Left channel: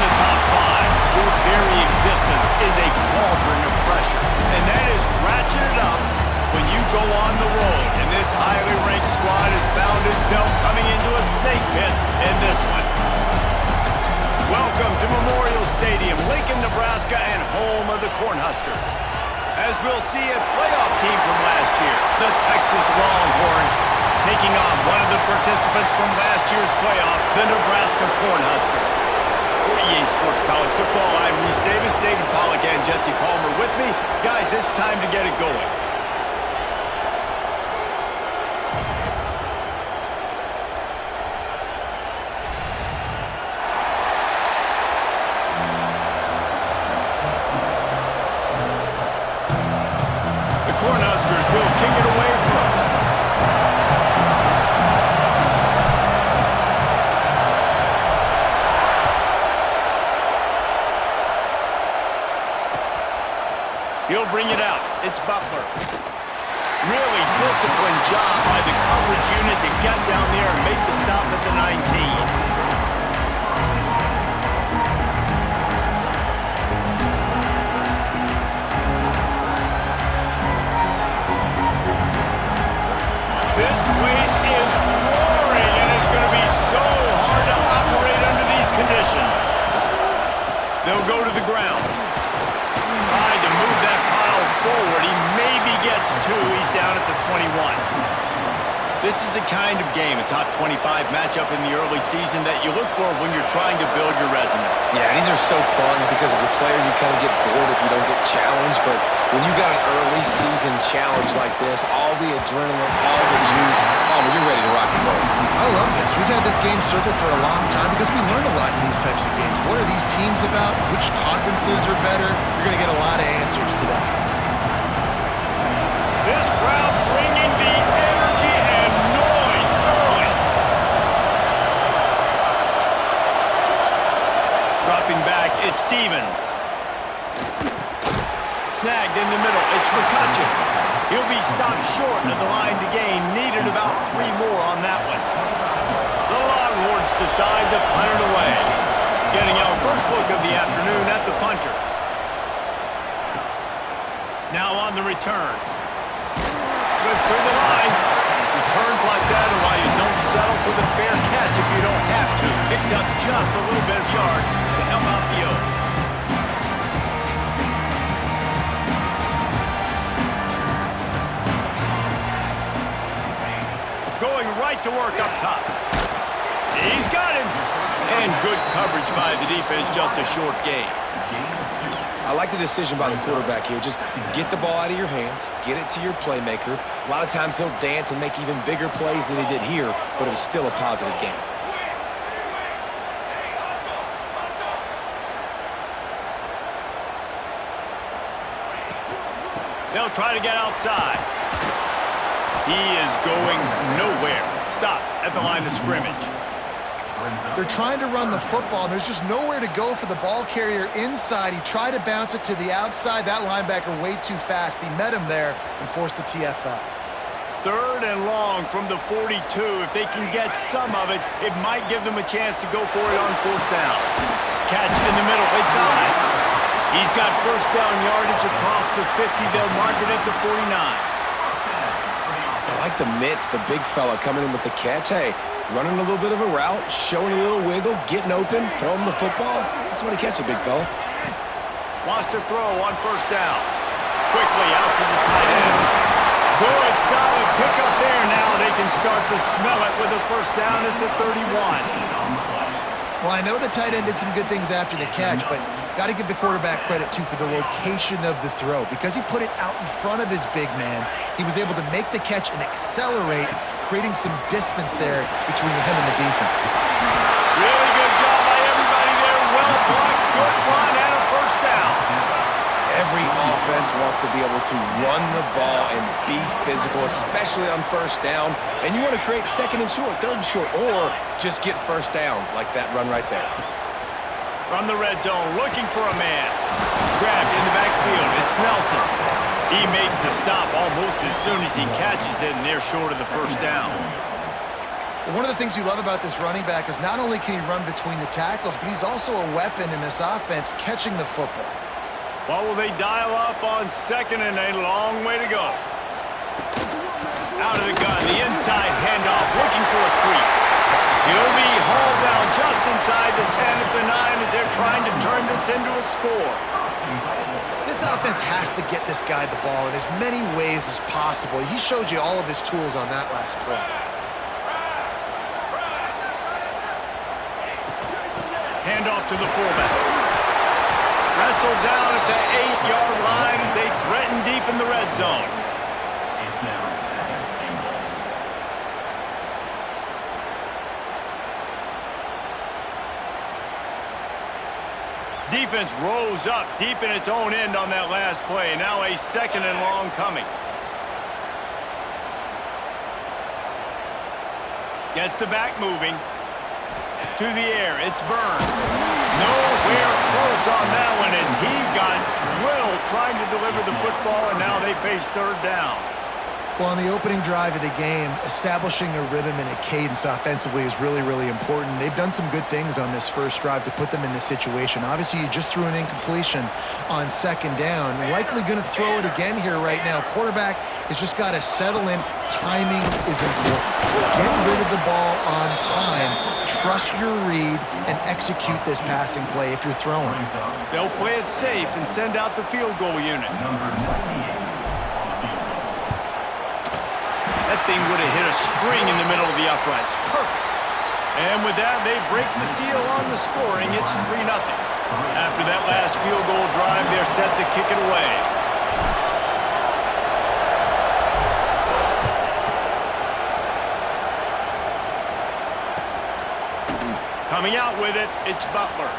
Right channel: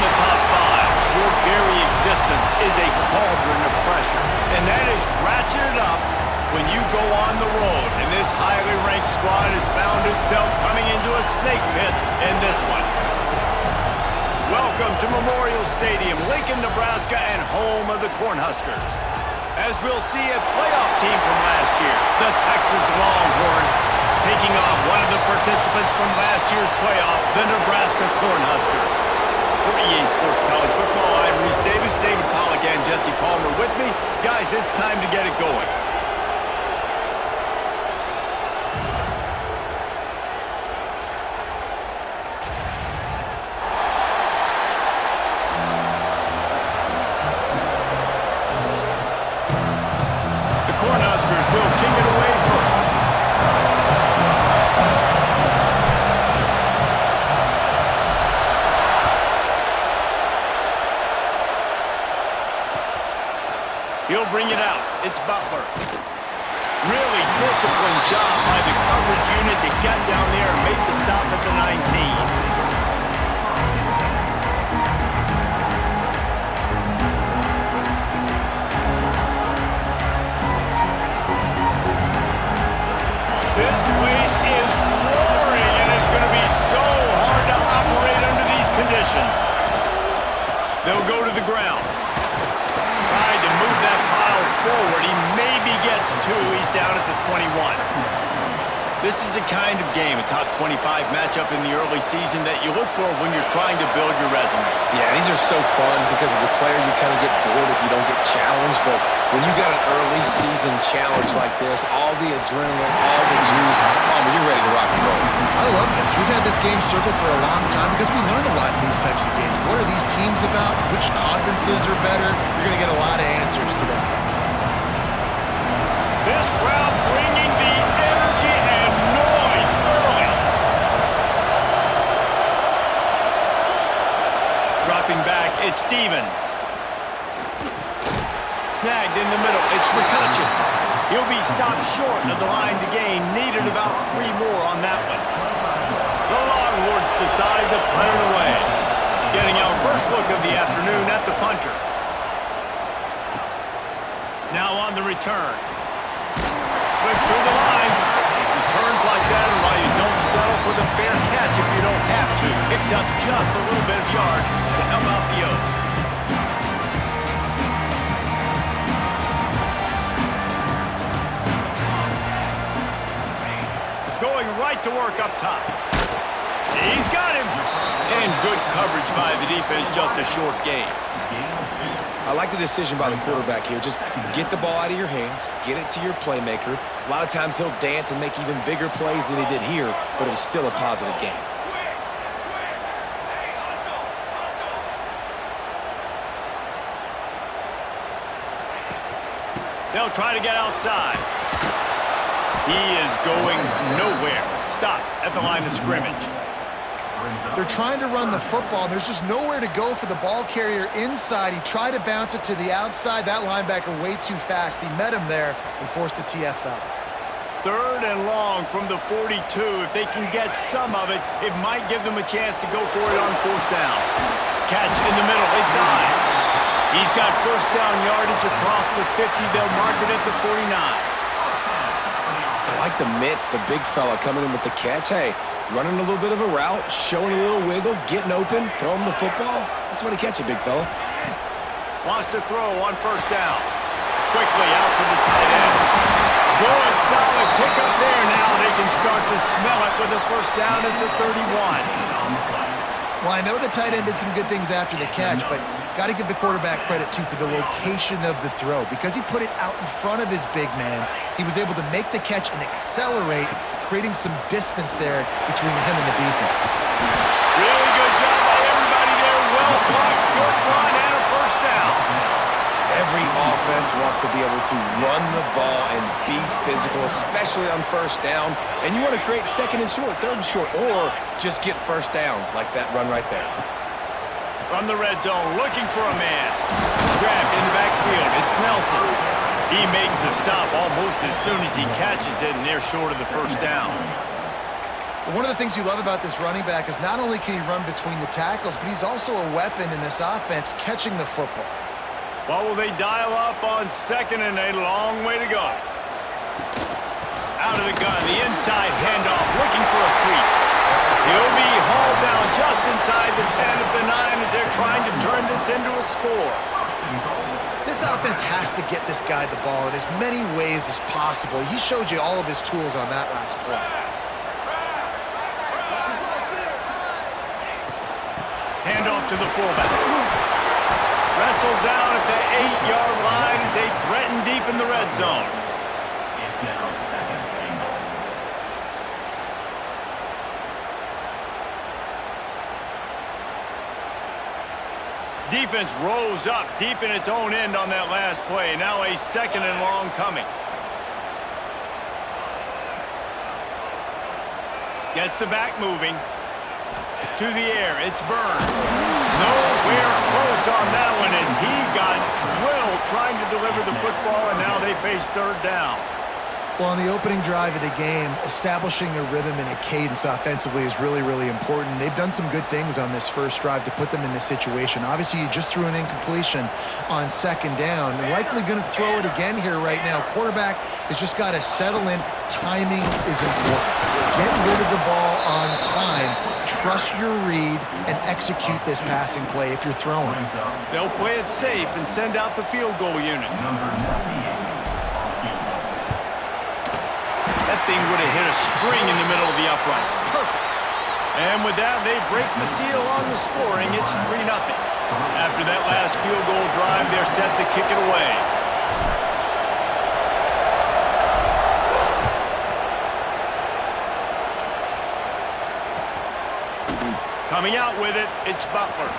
the top five, your very existence is a cauldron of pressure. And that is ratcheted up when you go on the road. And this highly ranked squad has found itself coming into a snake pit in this one. Welcome to Memorial Stadium, Lincoln, Nebraska, and home of the Cornhuskers. As we'll see a playoff team from last year, the Texas Longhorns, taking on one of the participants from last year's playoff, the Nebraska Cornhuskers. For EA Sports College Football, I'm Reese Davis, David Pollack, and Jesse Palmer with me. Guys, it's time to get it going. The Cornhuskers will kick it away first. He'll bring it out. It's Butler. Really disciplined job by the coverage unit to get down there and make the stop at the 19. This place is roaring, and it's going to be so hard to operate under these conditions. They'll go to the ground. Tried to move that pile forward. He maybe gets two. He's down at the 21. This is the kind of game, a top 25 matchup in the early season, that you look for when you're trying to build your resume. Yeah, these are so fun because as a player, you kind of get bored if you don't get challenged. But when you got an early season challenge like this, all the adrenaline, all the juice, Palmer, you're ready to rock and roll. I love this. We've had this game circled for a long time because we learn a lot in these types of games. What are these teams about? Which conferences are better? You're going to get a lot of answers today. This crowd bringing the energy and noise early. Dropping back, it's Stevens. Snagged in the middle, it's McCutcheon. He'll be stopped short of the line to gain. Needed about 3 more on that one. The Longhorns decide to punt it away. Getting our first look of the afternoon at the punter. Now on the return. Slips through the line. Returns like that are why you don't settle for the fair catch if you don't have to. Picks up just a little bit of yards to help out the O. Going right to work up top. He's got him. And good coverage by the defense, just a short gain. I like the decision by the quarterback here. Just get the ball out of your hands, get it to your playmaker. A lot of times he'll dance and make even bigger plays than he did here, but it was still a positive game. They'll try to get outside. He is going nowhere. Stop at the line of scrimmage. They're trying to run the football, and there's just nowhere to go for the ball carrier inside. He tried to bounce it to the outside. That linebacker way too fast. He met him there and forced the TFL. 3rd and long from the 42. If they can get some of it, it might give them a chance to go for it on 4th down. Catch in the middle. It's Ives. He's got first down yardage across the 50. They'll mark it at the 49. I like the mitts, the big fella coming in with the catch. Hey, running a little bit of a route, showing a little wiggle, getting open, throwing the football. That's when he catch it, big fella. Wants to throw on 1st down. Quickly out to the tight end. Good, solid pickup there. Now they can start to smell it with a 1st down at the 31. Well, I know the tight end did some good things after the catch, but got to give the quarterback credit, too, for the location of the throw. Because he put it out in front of his big man, he was able to make the catch and accelerate, creating some distance there between him and the defense. Really good job by everybody there. Well blocked, good run, and a 1st down. Every offense wants to be able to run the ball and be physical, especially on 1st down. And you want to create 2nd and short, 3rd and short, or just get 1st downs like that run right there. From the red zone, looking for a man. Grabbed in the backfield, it's Nelson. He makes the stop almost as soon as he catches it, and they're short of the 1st down. Well, one of the things you love about this running back is not only can he run between the tackles, but he's also a weapon in this offense catching the football. What will they dial up on second and a long way to go? Out of the gun, the inside handoff, looking for a crease. He'll be hauled down just inside the 10 at the 9 as they're trying to turn this into a score. This offense has to get this guy the ball in as many ways as possible. He showed you all of his tools on that last play. Handoff to the fullback. Wrestled down at the 8-yard line as they threaten deep in the red zone. It's now second and goal. Defense rose up deep in its own end on that last play. Now a second and long coming. Gets the back moving. To the air, it's Byrne. Nowhere close on that one as he got drilled trying to deliver the football, and now they face third down. Well, on the opening drive of the game, establishing a rhythm and a cadence offensively is really, really important. They've done some good things on this first drive to put them in this situation. Obviously, you just threw an incompletion on second down. They're likely going to throw it again here right now. Quarterback has just got to settle in. Timing is important. Get rid of the ball on time. Trust your read and execute this passing play if you're throwing. They'll play it safe and send out the field goal unit. Number 98 on the field goal. That thing would have hit a string in the middle of the uprights. Perfect. And with that, they break the seal on the scoring. It's 3-0. After that last field goal drive, they're set to kick it away. Coming out with it, it's Butler.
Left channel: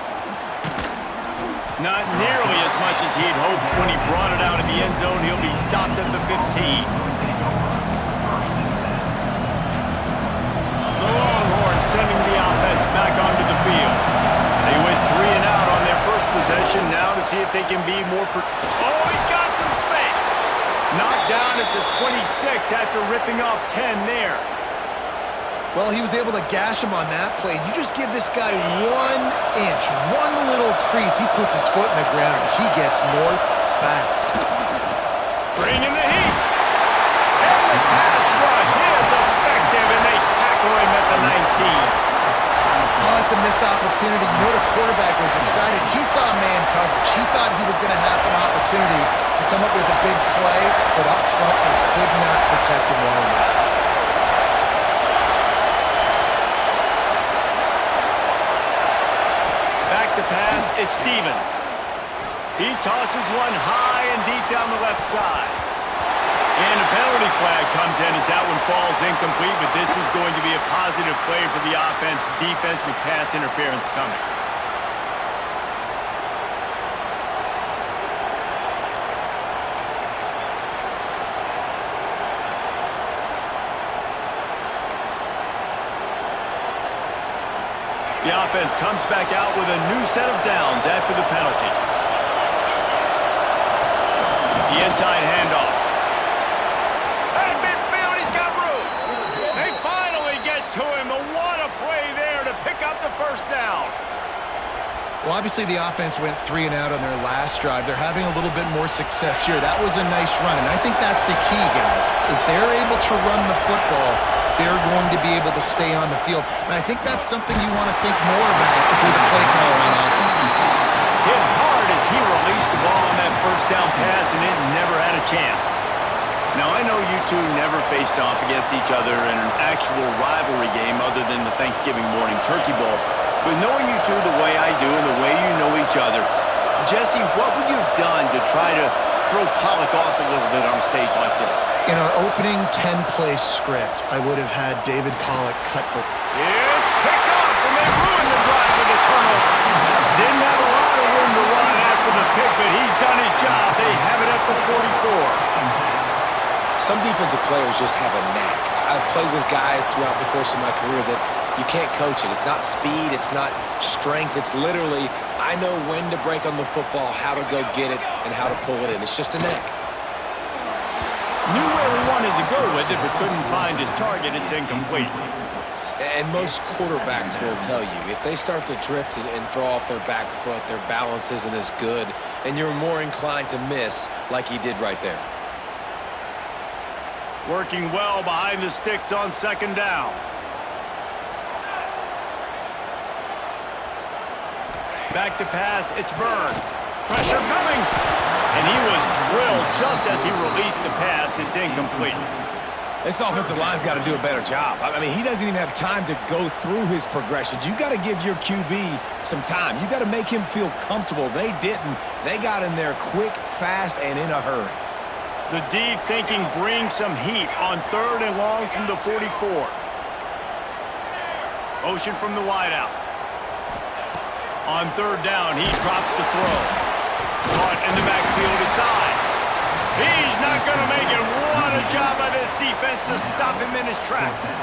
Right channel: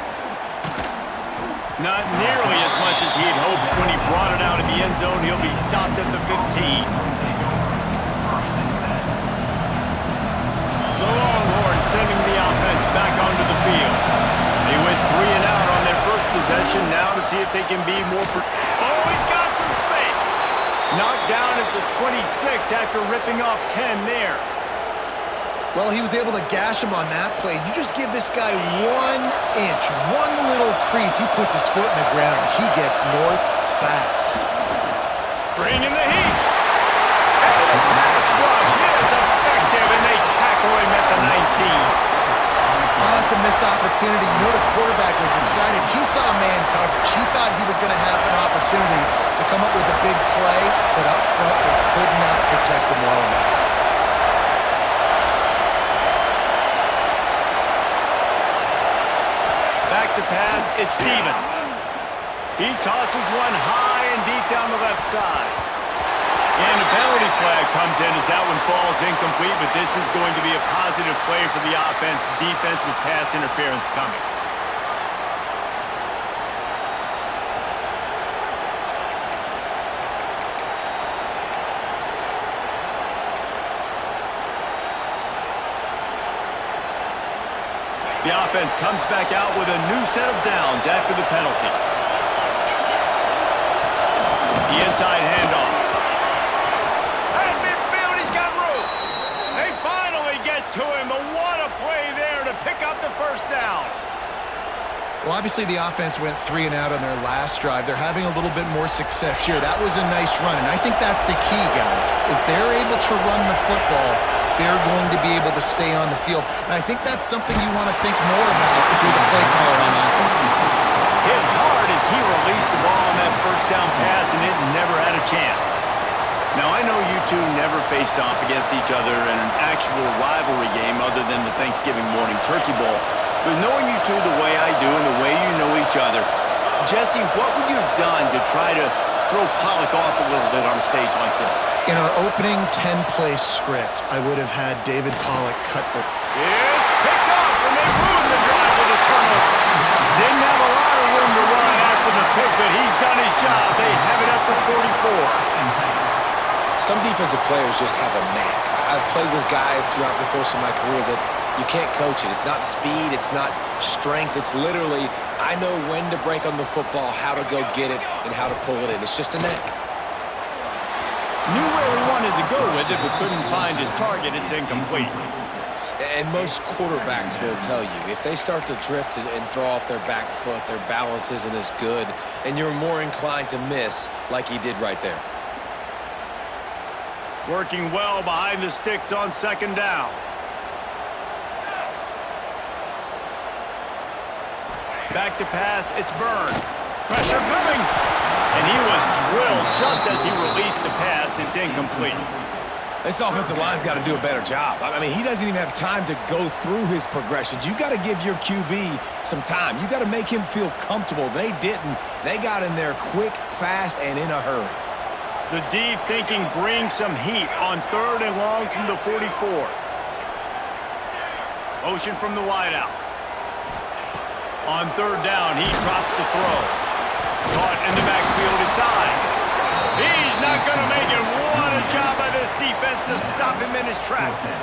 Not nearly as much as he had hoped when he brought it out of the end zone. He'll be stopped at the 15. The Longhorns sending the offense back onto the field. They went 3 and out on their first possession. Now to see if they can be more... Oh, he's got some space. Knocked down at the 26 after ripping off 10 there. Well, he was able to gash him on that play. You just give this guy 1 inch, one little crease. He puts his foot in the ground, and he gets north fast. Bringing the heat. And the pass rush is effective, and they tackle him at the 19. Oh, it's a missed opportunity. You know the quarterback was excited. He saw man coverage. He thought he was going to have an opportunity to come up with a big play, but up front, they could not protect him well enough. Back to pass, it's Stevens. He tosses one high and deep down the left side. And a penalty flag comes in as that one falls incomplete, but this is going to be a positive play for the offense. Defense with pass interference coming. The offense comes back out with a new set of downs after the penalty. The inside handoff. At midfield, he's got room. They finally get to him, but what a play there to pick up the first down. Well, obviously the offense went 3 and out on their last drive. They're having a little bit more success here. That was a nice run, and I think that's the key, guys. If they're able to run the football, they're going to be able to stay on the field. And I think that's something you want to think more about if you're the play caller on offense. Hit hard as he released the ball on that first down pass, and it never had a chance. Now, I know you two never faced off against each other in an actual rivalry game other than the Thanksgiving morning Turkey Bowl. But knowing you two the way I do and the way you know each other, Jesse, what would you have done to try to throw Pollock off a little bit on a stage like this? In our opening 10-play script, I would have had David Pollock cut the... It's picked off, and they ruined the drive with a turnover. Didn't have a lot of room to run after the pick, but he's done his job. They have it at the 44. Some defensive players just have a knack. I've played with guys throughout the course of my career that you can't coach it. It's not speed, it's not strength. It's literally, I know when to break on the football, how to go get it, and how to pull it in. It's just a knack. Knew where he wanted to go with it, but couldn't find his target. It's incomplete. And most quarterbacks will tell you, if they start to drift and throw off their back foot, their balance isn't as good, and you're more inclined to miss like he did right there. Working well behind the sticks on second down. Back to pass, it's Byrne. Pressure coming. And he was drilled just as he released the pass. It's incomplete. This offensive line's got to do a better job. I mean, he doesn't even have time to go through his progressions. You got to give your QB some time. You got to make him feel comfortable. They didn't. They got in there quick, fast, and in a hurry. The D thinking bring some heat on third and long from the 44. Motion from the wideout. On third down, he drops to throw. Caught in the backfield, it's Ives. He's not going to make it. What a job by this defense to stop him in his tracks.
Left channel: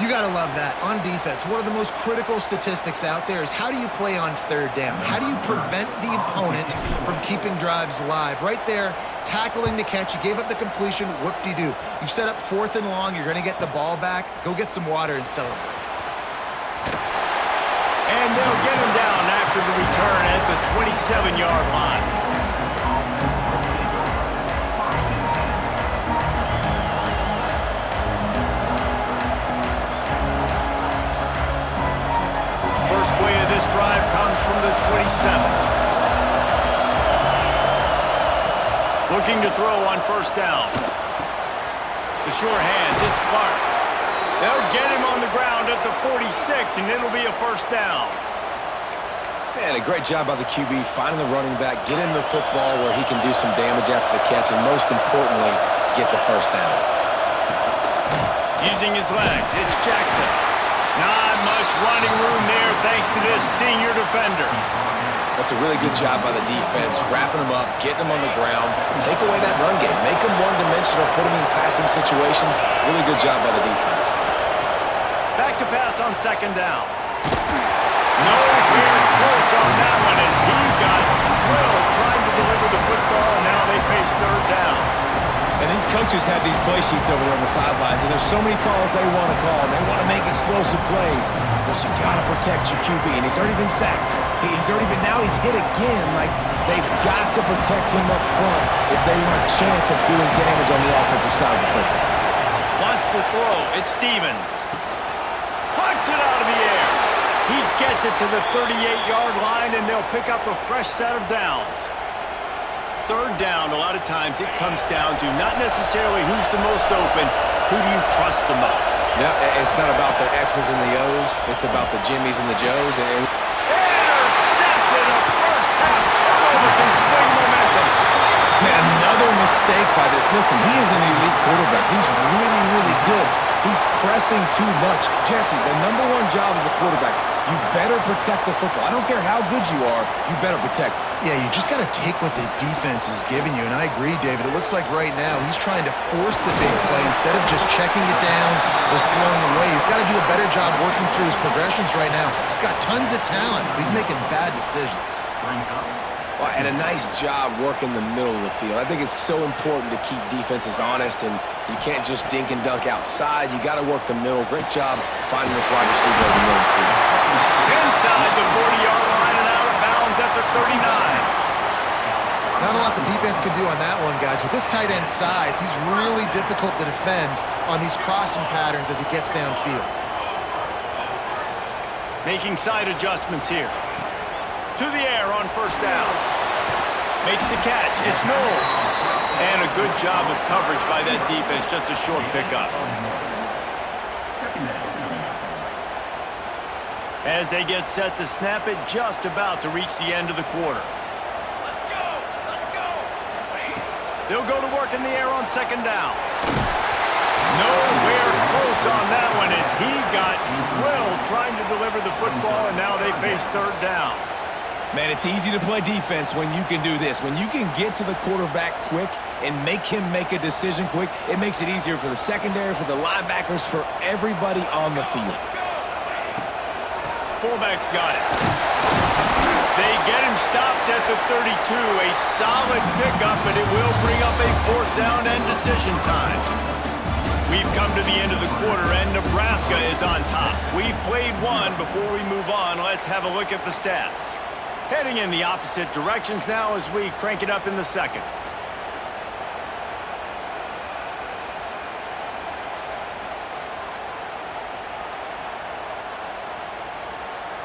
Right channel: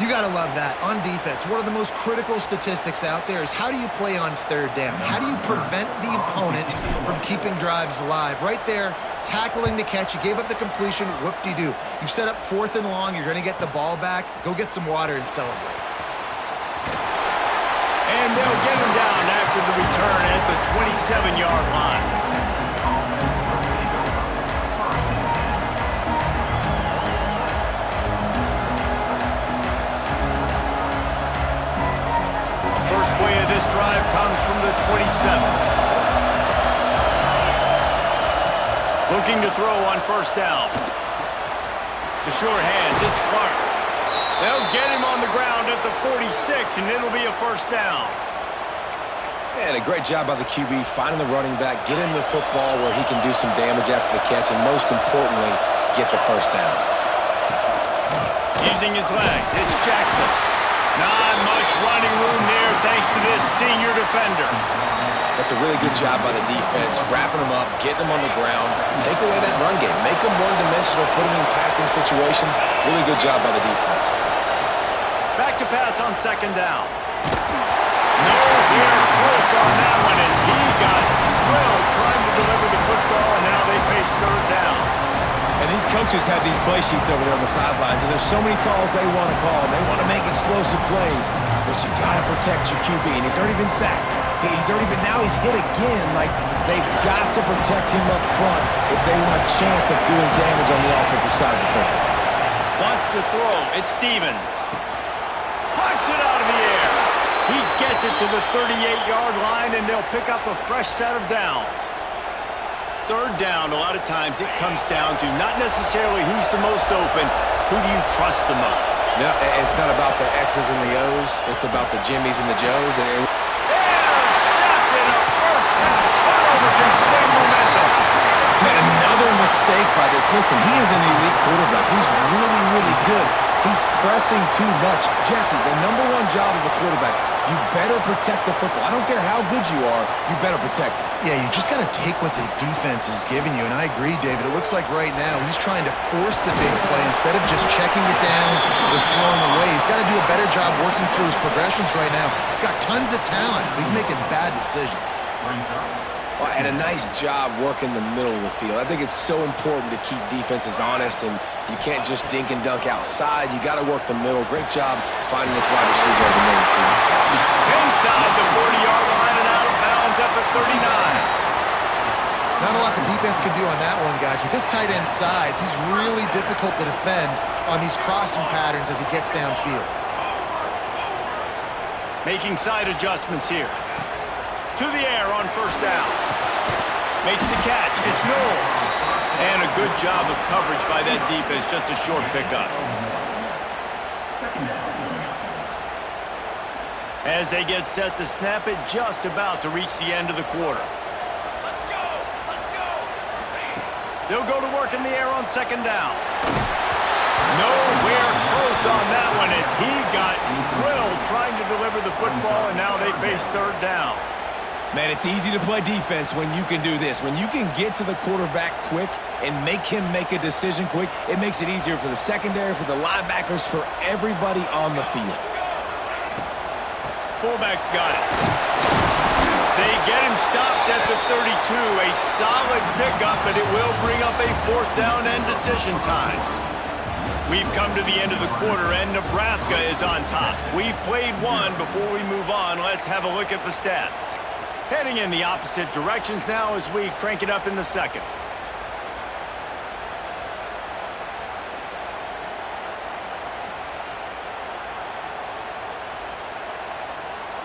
You got to love that. On defense, one of the most critical statistics out there is how do you play on third down? How do you prevent the opponent from keeping drives alive? Right there, tackling the catch. You gave up the completion. Whoop-de-doo. You've set up fourth and long. You're going to get the ball back. Go get some water and celebrate. And they'll get him down after the return at the 27-yard line. First play of this drive comes from the 27. Looking to throw on first down. The short hands, it's Clark. They'll get him on the ground at the 46, and it'll be a first down. Man, a great job by the QB finding the running back, get him the football where he can do some damage after the catch, and most importantly, get the first down. Using his legs, it's Jackson. Not much running room there thanks to this senior defender. That's a really good job by the defense, wrapping him up, getting him on the ground, take away that run game, make him one-dimensional, put him in passing situations. Really good job by the defense. Back to pass on second down. Nowhere close on that one as he got drilled trying to deliver the football, and now they face third down. And these coaches have these play sheets over there on the sidelines, and there's so many calls they want to call, and they want to make explosive plays, but you got to protect your QB, and he's already been sacked. Now he's hit again. Like, they've got to protect him up front if they want a chance of doing damage on the offensive side of the football. Wants to throw, it's Stevens. Pucks it out of the air. He gets it to the 38-yard line, and they'll pick up a fresh set of downs. Third down, a lot of times it comes down to not necessarily who's the most open, who do you trust the most? No, it's not about the X's and the O's. It's about the Jimmies and the Joes. Intercepted! A first-half turnover can swing momentum. Man, another mistake by this. Listen, he is an elite quarterback. He's really, really good. He's pressing too much. Jesse, the number one job of a quarterback, you better protect the football. I don't care how good you are, you better protect it. Yeah, you just got to take what the defense is giving you, and I agree, David. It looks like right now he's trying to force the big play instead of just checking it down or throwing away. He's got to do a better job working through his progressions right now. He's got tons of talent, but he's making bad decisions. And a nice job working the middle of the field. I think it's so important to keep defenses honest, and you can't just dink and dunk outside. You got to work the middle. Great job finding this wide receiver in the middle of the field. Inside the 40-yard line and out of bounds at the 39. Not a lot the defense can do on that one, guys. With this tight end size, he's really difficult to defend on these crossing patterns as he gets downfield. Making side adjustments here. To the air on first down. Makes the catch. It's Knowles. And a good job of coverage by that defense. Just a short pickup. Second down coming up. As they get set to snap it, just about to reach the end of the quarter. Let's go! Let's go! They'll go to work in the air on second down. Nowhere close on that one as he got drilled trying to deliver the football, and now they face third down. Man, it's easy to play defense when you can do this. When you can get to the quarterback quick and make him make a decision quick, it makes it easier for the secondary, for the linebackers, for everybody on the field. Fullback's got it. They get him stopped at the 32. A solid pickup, but it will bring up a fourth down and decision time. We've come to the end of the quarter, and Nebraska is on top. We've played one. Before we move on, let's have a look at the stats. Heading in the opposite directions now as we crank it up in the second.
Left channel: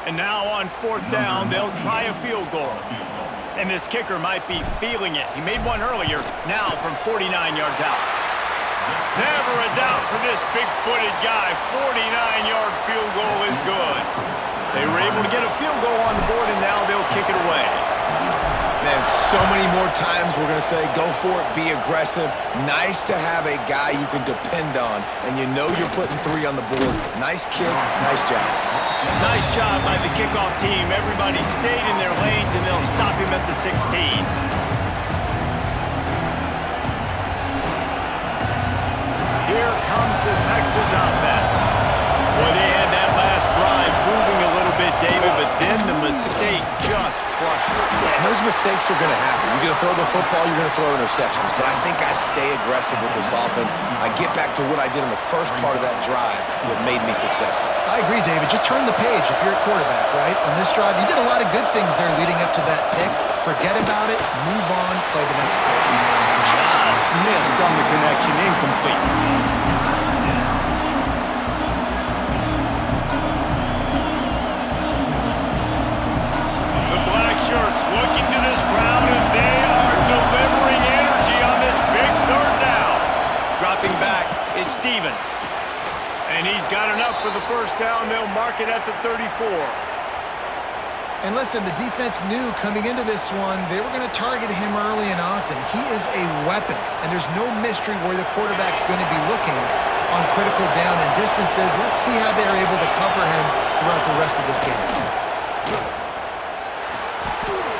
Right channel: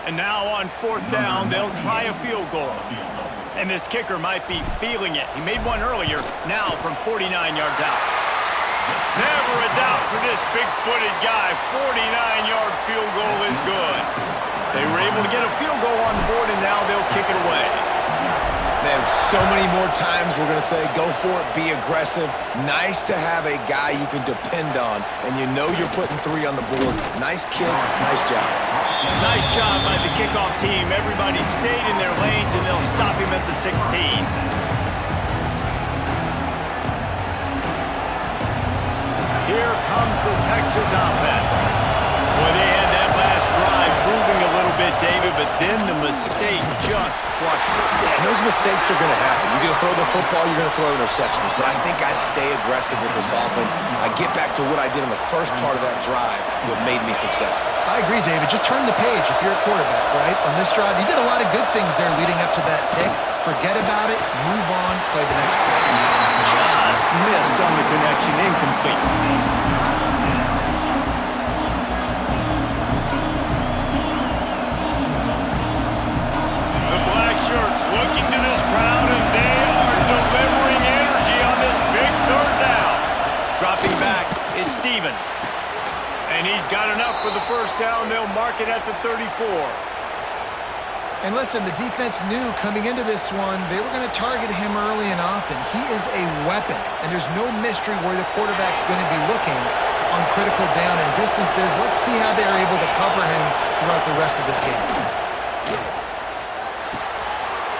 And now on fourth down, they'll try a field goal. And this kicker might be feeling it. He made one earlier, now from 49 yards out. Never a doubt for this big-footed guy. 49-yard field goal is good. They were able to get a field goal on the board, and now they'll kick it away. Man, so many more times we're going to say, go for it, be aggressive. Nice to have a guy you can depend on, and you know you're putting 3 on the board. Nice kick, nice job. Nice job by the kickoff team. Everybody stayed in their lanes, and they'll stop him at the 16. Here comes the Texas offense. Boy, they had that last drive moving a little bit, David, but then the mistake just crushed them. Yeah, and those mistakes are going to happen. You're going to throw the football, you're going to throw interceptions, but I think I stay aggressive with this offense. I get back to what I did in the first part of that drive, what made me successful. I agree, David. Just turn the page if you're a quarterback, right? On this drive, you did a lot of good things there leading up to that pick. Forget about it, move on, play the next play. Just missed on the connection, incomplete. The black shirts looking to this crowd, and they are delivering energy on this big third down. Dropping back, it's Stevens. And he's got enough for the first down. They'll mark it at the 34. And listen, the defense knew coming into this one, they were going to target him early and often. He is a weapon, and there's no mystery where the quarterback's going to be looking on critical down and distances. Let's see how they're able to cover him throughout the rest of this game.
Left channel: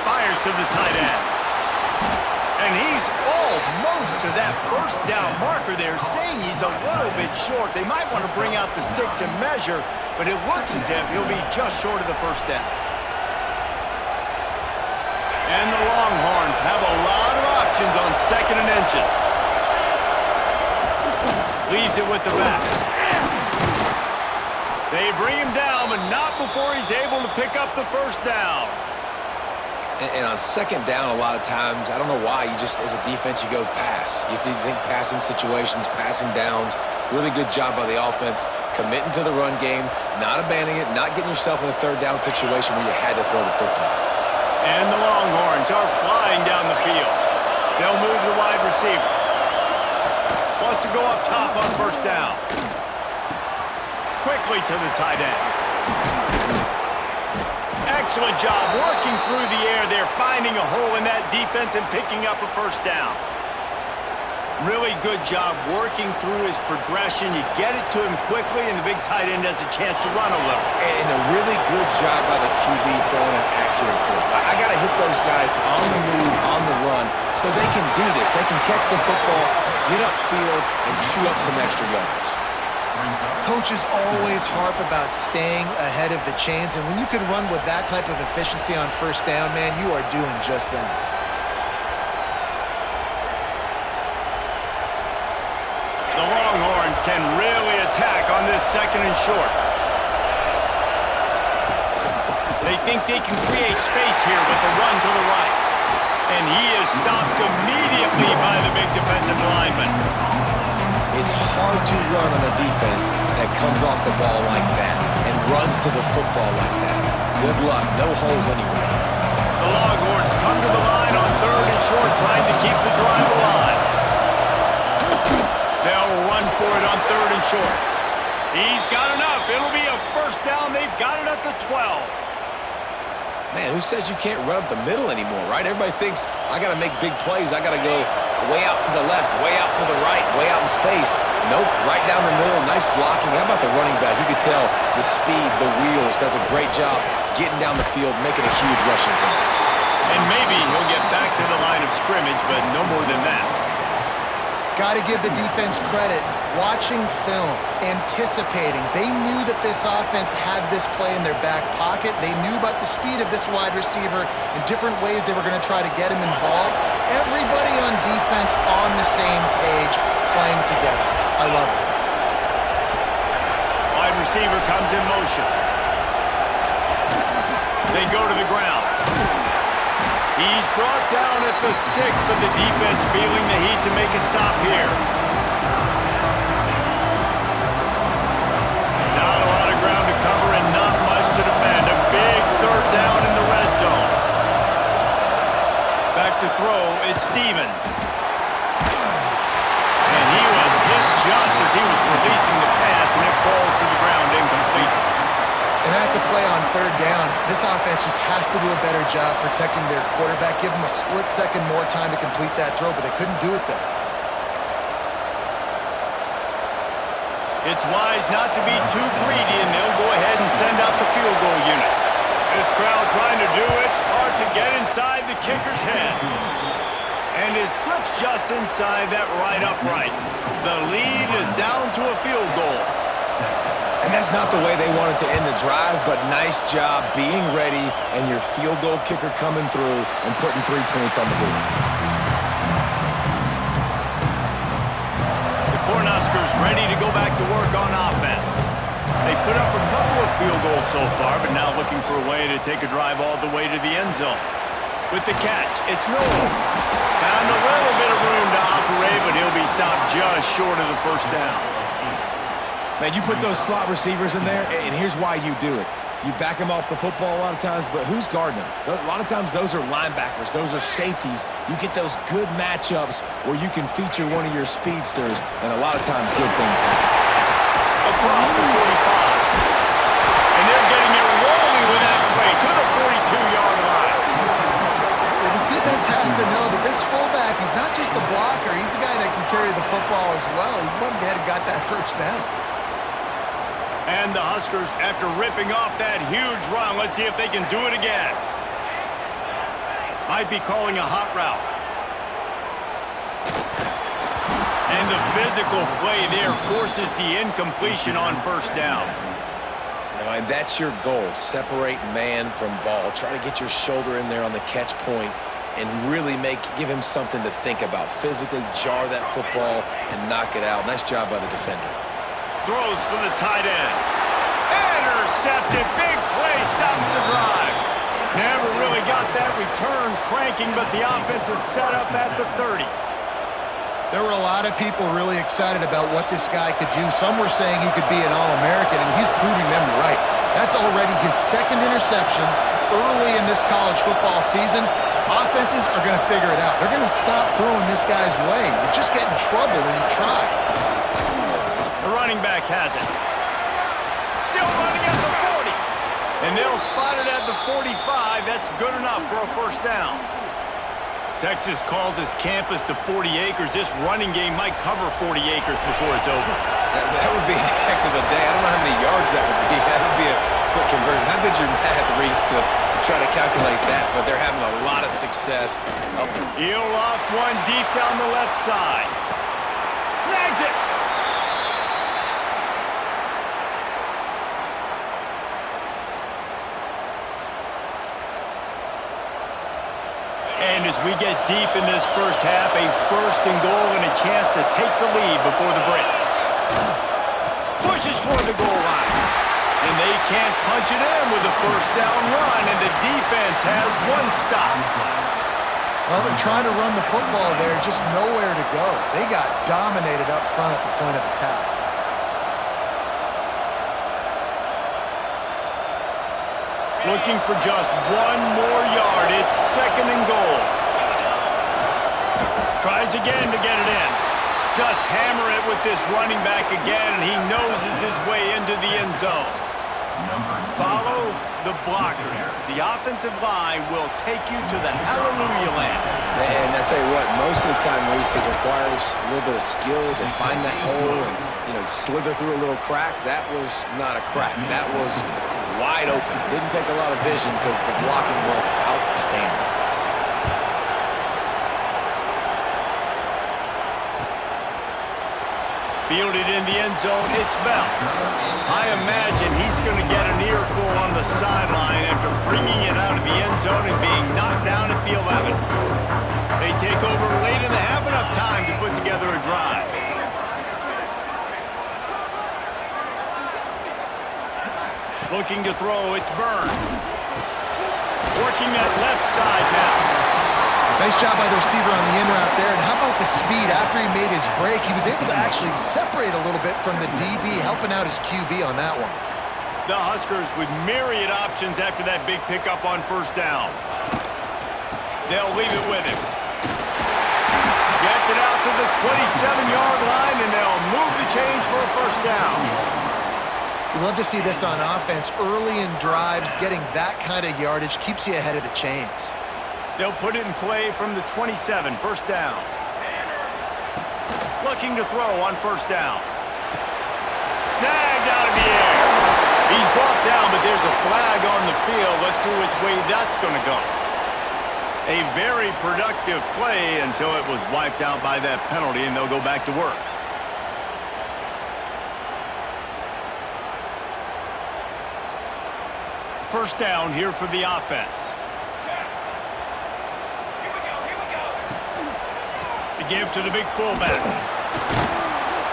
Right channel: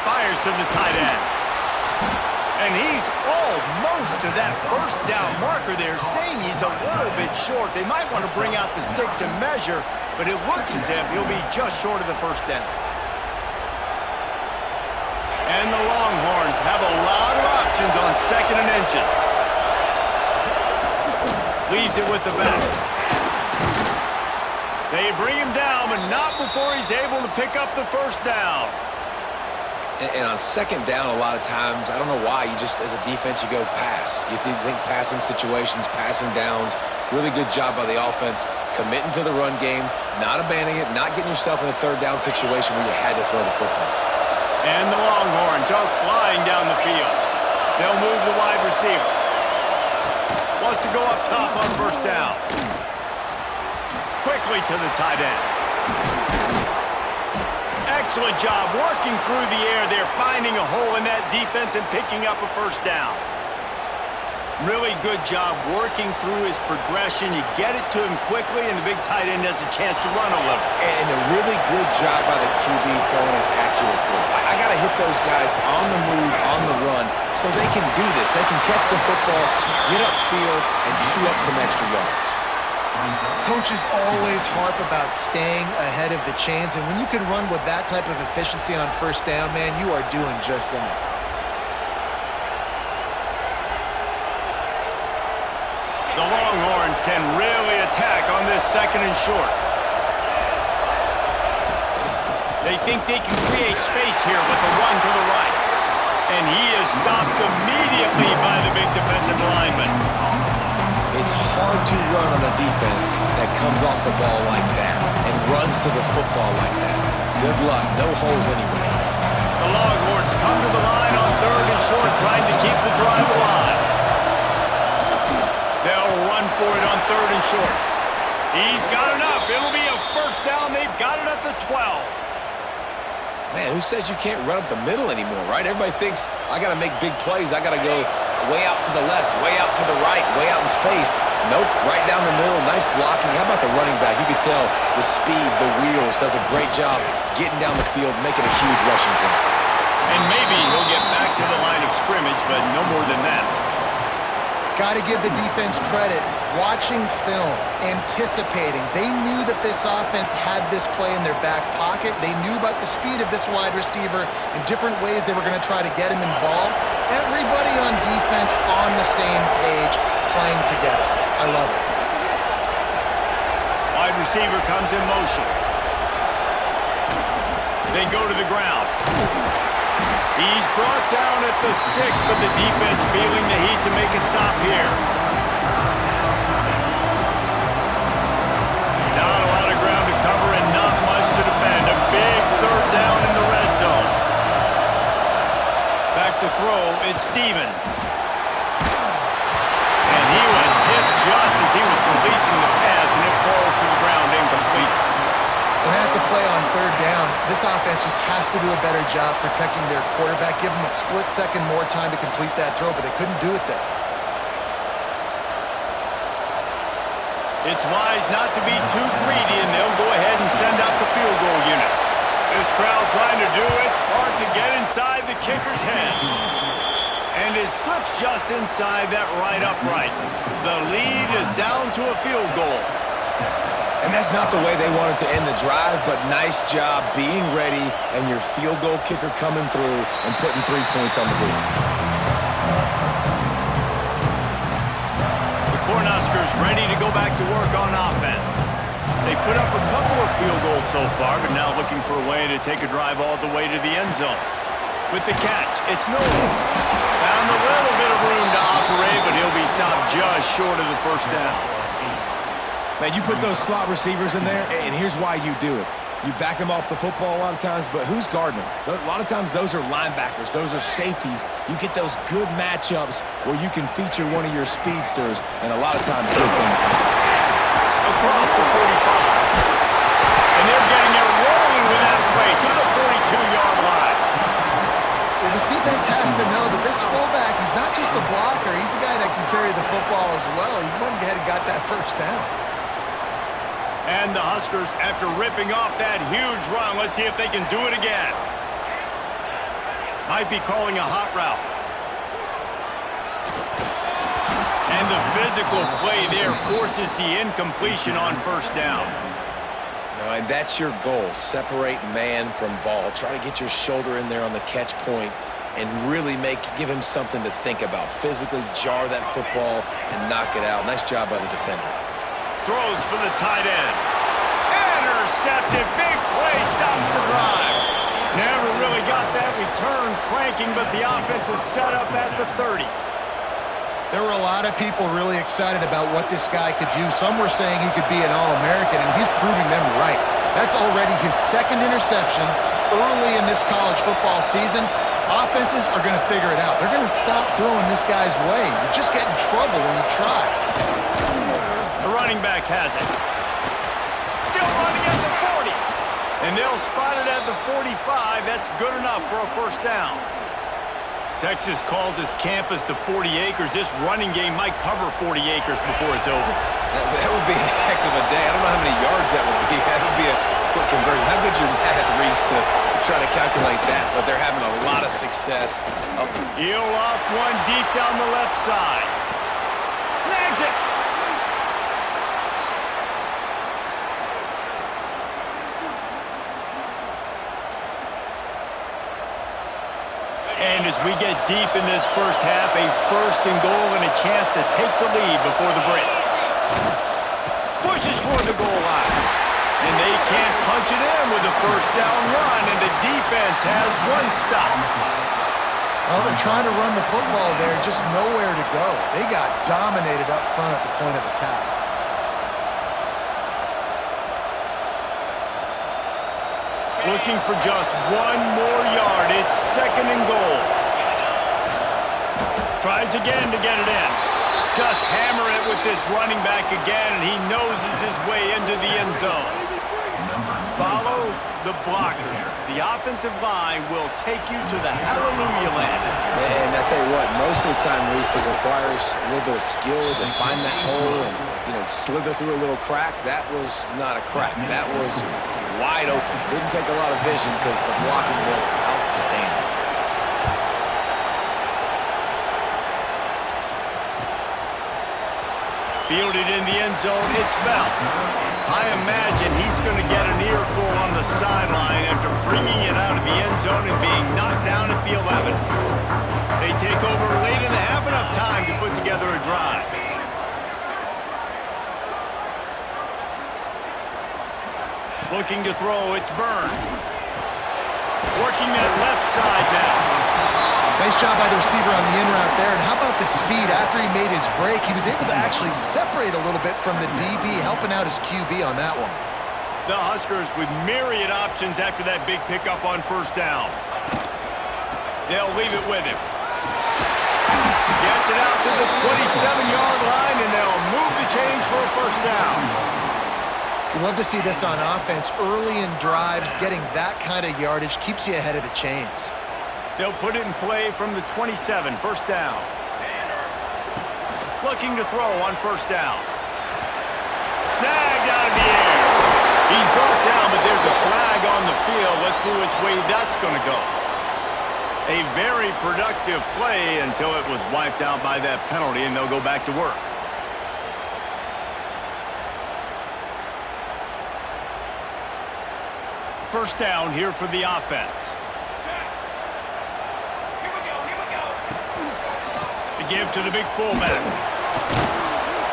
Fires to the tight end. And he's almost to that first down marker there, saying he's a little bit short. They might want to bring out the sticks and measure, but it looks as if he'll be just short of the first down. And the Longhorns have a lot of options on second and inches. Leaves it with the back. They bring him down, but not before he's able to pick up the first down. And on second down, a lot of times, I don't know why, you just, as a defense, you go pass. You think passing situations, passing downs. Really good job by the offense, committing to the run game, not abandoning it, not getting yourself in a third down situation where you had to throw the football. And the Longhorns are flying down the field. They'll move the wide receiver. Wants to go up top on first down. Quickly to the tight end. Excellent job working through the air there, finding a hole in that defense and picking up a first down. Really good job working through his progression. You get it to him quickly, and the big tight end has a chance to run a little. And a really good job by the QB throwing an accurate throw. I got to hit those guys on the move, on the run, so they can do this. They can catch the football, get upfield, and chew up some extra yards. Coaches always harp about staying ahead of the chains, and when you can run with that type of efficiency on first down, man, you are doing just that. The Longhorns can really attack on this second and short. They think they can create space here with a run to the right. And he is stopped immediately by the big defensive lineman. It's hard to run on a defense that comes off the ball like that and runs to the football like that. Good luck, no holes anywhere. The Longhorns come to the line on third and short, trying to keep the drive alive. They'll run for it on third and short. He's got enough. It'll be a first down. They've got it at the 12. Man, who says you can't run up the middle anymore, right? Everybody thinks, I got to make big plays. I got to go way out to the left, way out to the right, way out in space. Nope, right down the middle. Nice blocking. How about the running back? You could tell the speed, the wheels, does a great job getting down the field, making a huge rushing play. And maybe he'll get back to the line of scrimmage, but no more than that. Got to give the defense credit. Watching film, anticipating. They knew that this offense had this play in their back pocket. They knew about the speed of this wide receiver and different ways they were going to try to get him involved. Everybody on defense on the same page, playing together. I love it. Wide receiver comes in motion. They go to the ground. He's brought down at the 6, but the defense feeling the heat to make a stop here. Not a lot of ground to cover and not much to defend. A big third down in the red zone. Back to throw, it's Stevens. And he was hit just as he was releasing the pass, and it falls to the ground incomplete. And that's a play on third down. This offense just has to do a better job protecting their quarterback. Give them a split second more time to complete that throw, but they couldn't do it there. It's wise not to be too greedy, and they'll go ahead and send out the field goal unit. This crowd trying to do its part to get inside the kicker's head. And it slips just inside that right upright. The lead is down to a field goal. And that's not the way they wanted to end the drive, but nice job being ready and your field goal kicker coming through and putting 3 points on the board. The Cornhuskers ready to go back to work on offense. They've put up a couple of field goals so far, but now looking for a way to take a drive all the way to the end zone. With the catch, it's Knowles. Found a little bit of room to operate, but he'll be stopped just short of the first down. Man, you put those slot receivers in there, and here's why you do it. You back them off the football a lot of times, but who's guarding them? A lot of times those are linebackers. Those are safeties. You get those good matchups where you can feature one of your speedsters, and a lot of times good things happen. Across the 45. And they're getting it rolling with that play to the 42-yard line. Well, this defense has to know that this fullback, he's not just a blocker. He's a guy that can carry the football as well. He went ahead and got that first down. And the Huskers, after ripping off that huge run, let's see if they can do it again. Might be calling a hot route. And the physical play there forces the incompletion on first down. No, and that's your goal. Separate man from ball. Try to get your shoulder in there on the catch point and really give him something to think about. Physically jar that football and knock it out. Nice job by the defender. Throws for the tight end. Intercepted. Big play. Stops the drive. Never really got that return cranking, but the offense is set up at the 30. There were a lot of people really excited about what this guy could do. Some were saying he could be an All-American, and he's proving them right. That's already his second interception early in this college football season. Offenses are going to figure it out. They're going to stop throwing this guy's way. You just get in trouble when you try. The running back has it. Still running at the 40. And they'll spot it at the 45. That's good enough for a first down. Texas calls its campus to 40 acres. This running game might cover 40 acres before it's over. That would be a heck of a day. I don't know how many yards that would be. That would be a quick conversion. How good's your math, Reese, to try to calculate that? But they're having a lot of success. He'll loft one deep down the left side. Snags it. And as we get deep in this first half, a first and goal and a chance to take the lead before the break. Pushes for the goal line. And they can't punch it in with a first down run, and the defense has one stop. Well, they're trying to run the football there, just nowhere to go. They got dominated up front at the point of attack. Looking for just one more yard. It's second and goal. Tries again to get it in. Just hammer it with this running back again, and he noses his way into the end zone. Follow the blockers. The offensive line will take you to the hallelujah land. And I tell you what, most of the time, Reese, it requires a little bit of skill to find that hole and, slither through a little crack. That was not a crack. That was wide open. Didn't take a lot of vision because the blocking was outstanding. Fielded in the end zone, it's Bell. I imagine he's going to get an earful on the sideline after bringing it out of the end zone and being knocked down at the 11. They take over late and have enough time to put together a drive. Looking to throw, it's Byrne. Working that left side now. Nice job by the receiver on the in route there. And how about the speed? After he made his break, he was able to actually separate a little bit from the DB, helping out his QB on that one. The Huskers with myriad options after that big pickup on first down. They'll leave it with him. Gets it out to the 27-yard line, and they'll move the change for a first down. You love to see this on offense. Early in drives, getting that kind of yardage keeps you ahead of the chains. They'll put it in play from the 27, first down. Looking to throw on first down. Snagged out of the air. He's brought down, but there's a flag on the field. Let's see which way that's going to go. A very productive play until it was wiped out by that penalty, and they'll go back to work. First down here for the offense. Check. Here we go, here we go. To give to the big fullback.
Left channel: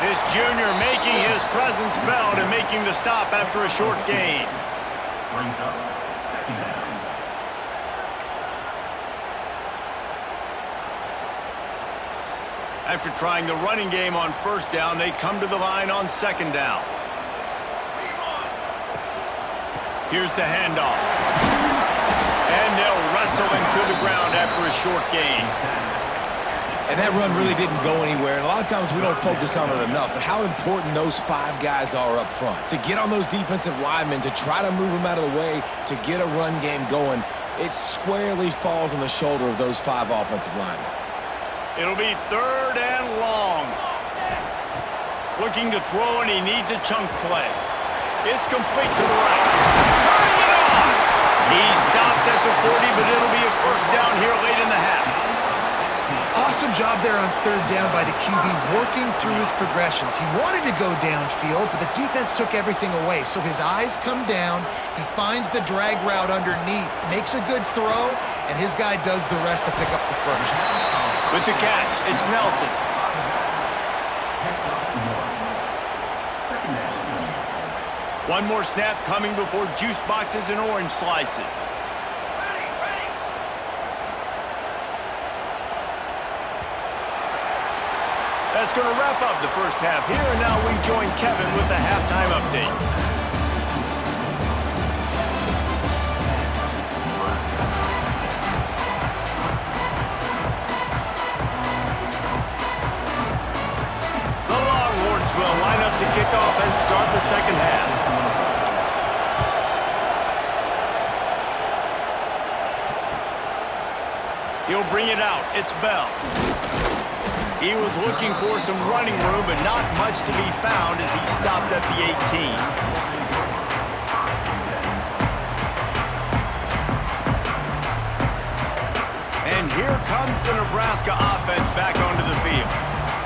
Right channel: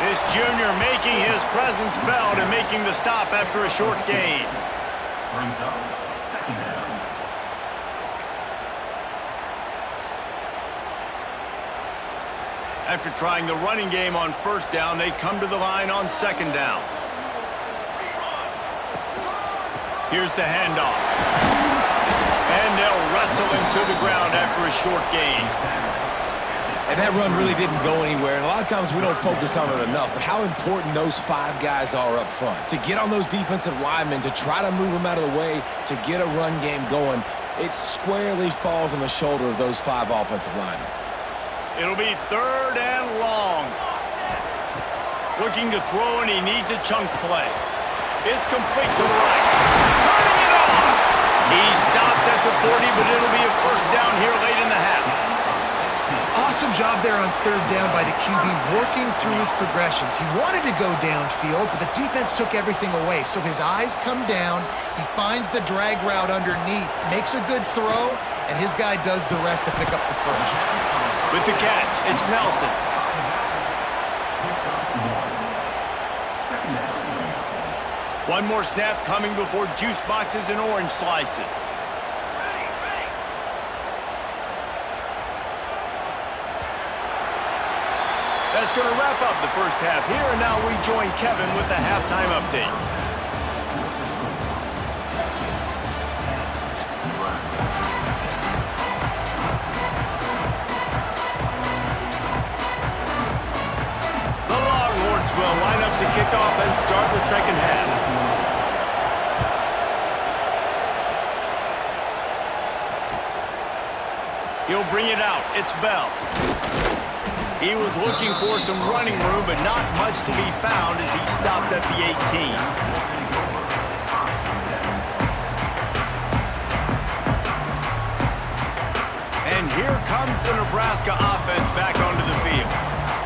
This junior making his presence felt and making the stop after a short gain. Brings up second down. After trying the running game on first down, they come to the line on second down. Here's the handoff. And they'll wrestle him to the ground after a short gain. And that run really didn't go anywhere. And a lot of times we don't focus on it enough. But how important those 5 guys are up front. To get on those defensive linemen, to try to move them out of the way, to get a run game going, it squarely falls on the shoulder of those 5 offensive linemen. It'll be third and long. Looking to throw, and he needs a chunk play. It's complete to the right. Turning it on! He stopped at the 40, but it'll be a first down here late in the half. Awesome job there on third down by the QB, working through his progressions. He wanted to go downfield, but the defense took everything away. So his eyes come down, he finds the drag route underneath, makes a good throw, and his guy does the rest to pick up the first. With the catch, it's Nelson. Picks up 1. Second down. One more snap coming before juice boxes and orange slices. Ready, ready. That's going to wrap up the first half here, and now we join Kevin with the halftime update. The Longhorns will line up to kick off and start the second half. He'll bring it out. It's Bell. He was looking for some running room, but not much to be found as he stopped at the 18. And here comes the Nebraska offense back onto the field.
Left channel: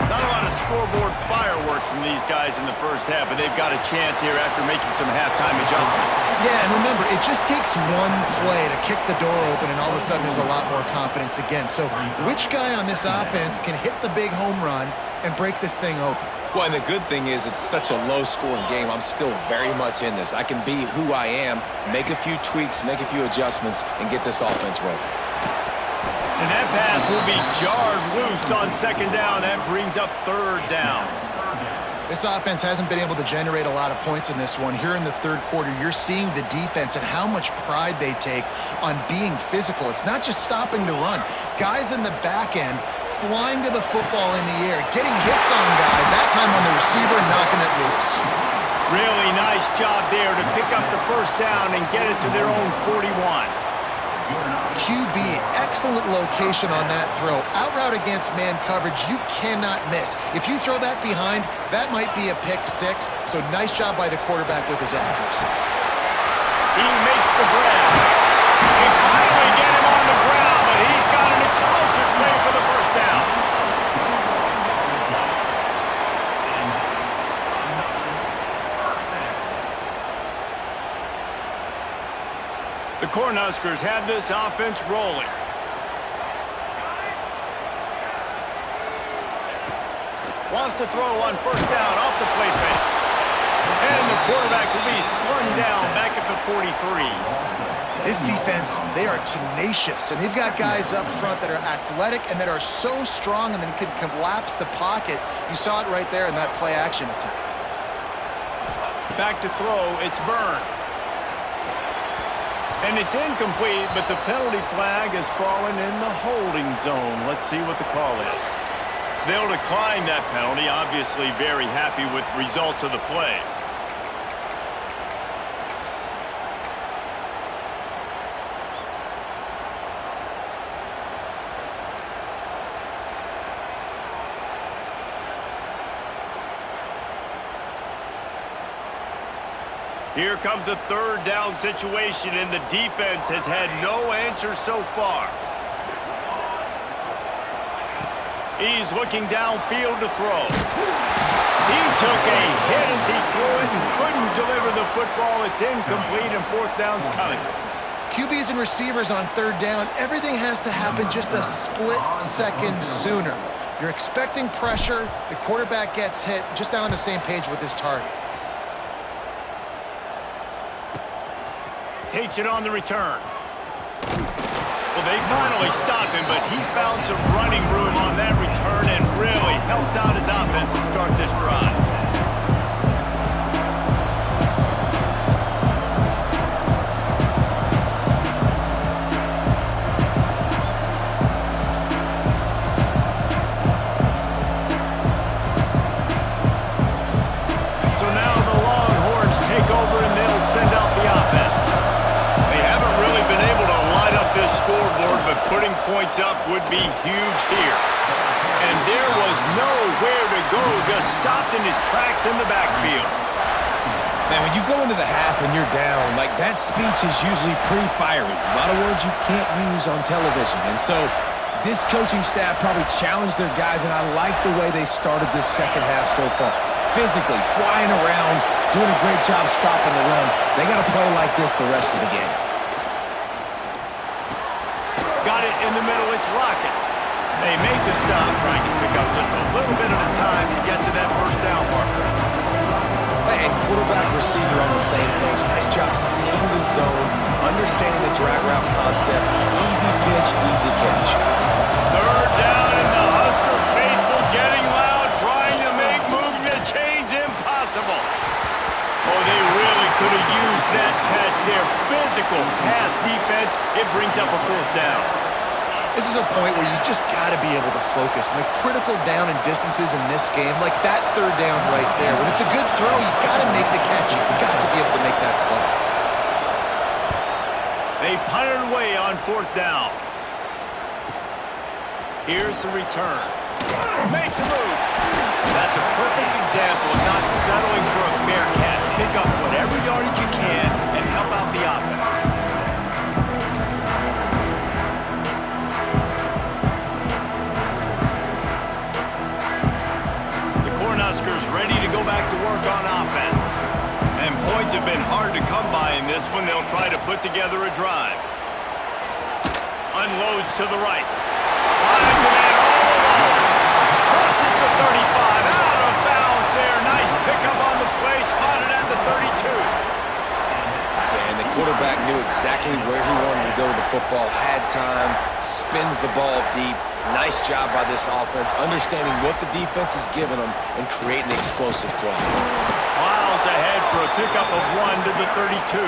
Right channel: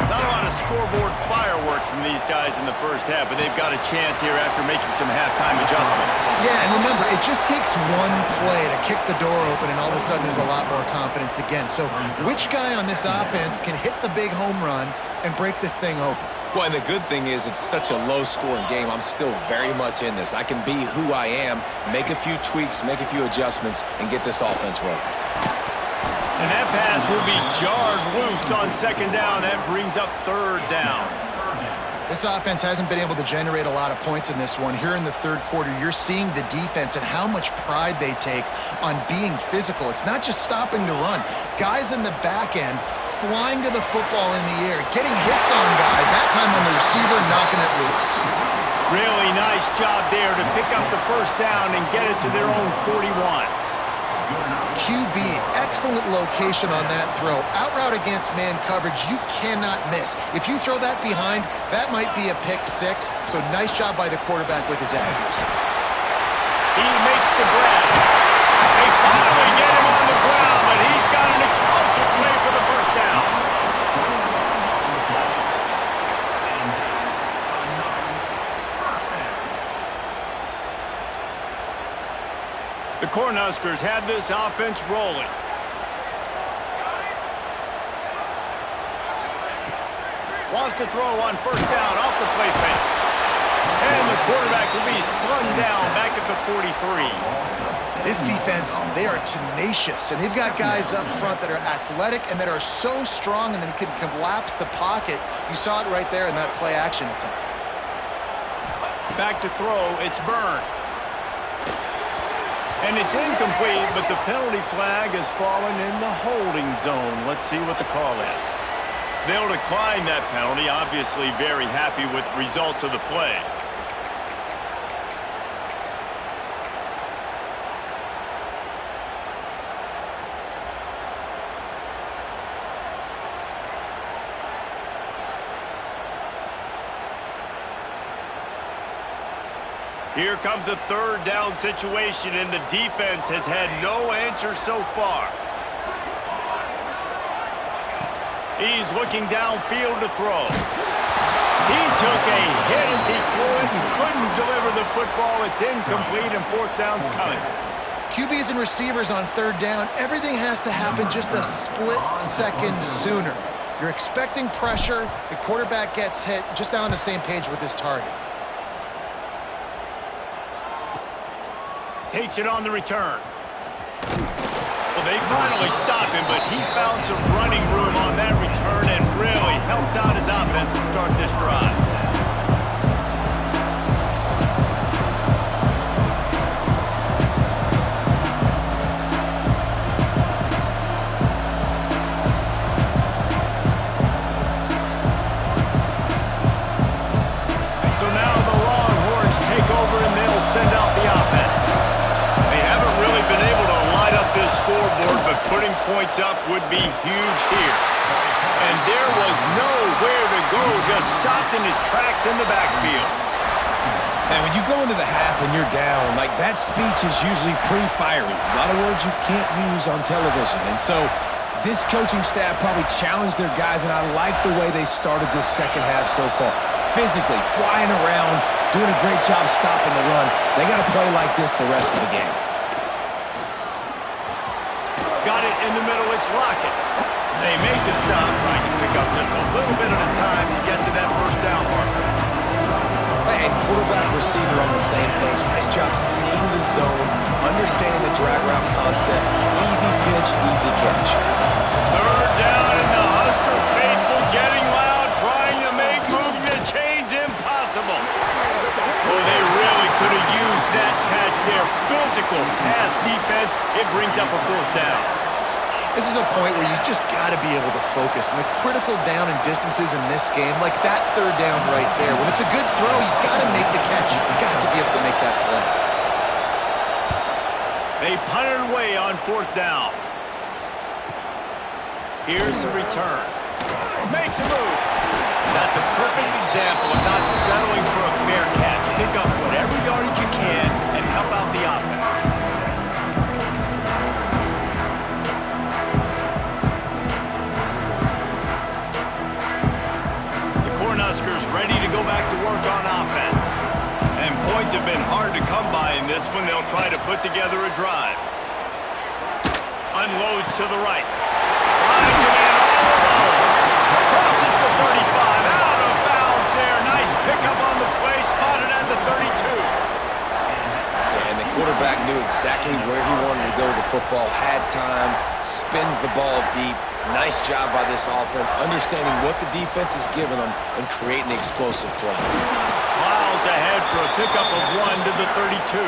Not a lot of scoreboard fireworks from these guys in the first half, but they've got a chance here after making some halftime adjustments. Yeah, and remember, it just takes one play to kick the door open, and all of a sudden there's a lot more confidence again. So which guy on this offense can hit the big home run and break this thing open? Well, and the good thing is it's such a low-scoring game. I'm still very much in this. I can be who I am, make a few tweaks, make a few adjustments, and get this offense rolling. And that pass will be jarred loose on second down. That brings up third down. This offense hasn't been able to generate a lot of points in this one. Here in the third quarter, you're seeing the defense and how much pride they take on being physical. It's not just stopping the run. Guys in the back end flying to the football in the air, getting hits on guys, that time on the receiver, knocking it loose. Really nice job there to pick up the first down and get it to their own 41. QB, excellent location on that throw. Out route against man coverage, you cannot miss. If you throw that behind, that might be a pick 6. So nice job by the quarterback with his accuracy. He makes the grab. They finally get him on the ground, but he's got an explosive play for the first down. The Cornhuskers have this offense rolling. Wants to throw on first down off the play fake. And the quarterback will be slung down back at the 43. This defense, they are tenacious, and they've got guys up front that are athletic and that are so strong and then can collapse the pocket. You saw it right there in that play-action attempt. Back to throw, it's Byrne. And it's incomplete, but the penalty flag has fallen in the holding zone. Let's see what the call is. They'll decline that penalty, obviously very happy with the results of the play. Here comes a third down situation, and the defense has had no answer so far. He's looking downfield to throw. He took a hit as he threw it and couldn't deliver the football. It's incomplete, and fourth down's coming. QBs and receivers on third down, everything has to happen just a split second sooner. You're expecting pressure, the quarterback gets hit, just not on the same page with his target. Takes it on the return. Well, they finally stop him, but he found some running room on that return and really helps out his offense to start this drive. So now the Longhorns take over and they'll send out the offense. They haven't really been able to light up this scoreboard, but putting points up would be huge here. And there was nowhere to go, just stopped in his tracks in the backfield. Man, when you go into the half and you're down, like that speech is usually pretty fiery. A lot of words you can't use on television. And so this coaching staff probably challenged their guys, and I like the way they started this second half so far. Physically, flying around, doing a great job stopping the run. They got to play like this the rest of the game. Got it in the middle, it's Lockett. They make the stop, trying to pick up just a little bit at a time to get to that first down marker. And quarterback, receiver on the same page. Nice job seeing the zone, understanding the drag route concept. Easy pitch, easy catch. Third down, and the Husker faithful getting loud, trying to make moving the chains impossible. Oh, they really could have used that catch there. Physical pass defense, it brings up a fourth down. This is a point where you just got to be able to focus. And the critical down and distances in this game, like that third down right there, when it's a good throw, you got to make the catch. You got to be able to make that play. They punted away on fourth down. Here's the return. Makes a move. That's a perfect example of not settling for a fair catch. Pick up whatever yardage you can and help out the offense. The Cornhuskers ready to go back to work on offense. And points have been hard to come by in this one. They'll try to put together a drive. Unloads to the right. Finds a man all alone. Crosses the 35. Out of bounds there. Nice pickup on the play. Spotted at the 32. Yeah, and the quarterback knew exactly where he wanted to go with the football. Had time. Spins the ball deep. Nice job by this offense, understanding what the defense is giving them and creating the explosive play. Miles ahead for a pickup of 1 to the 32.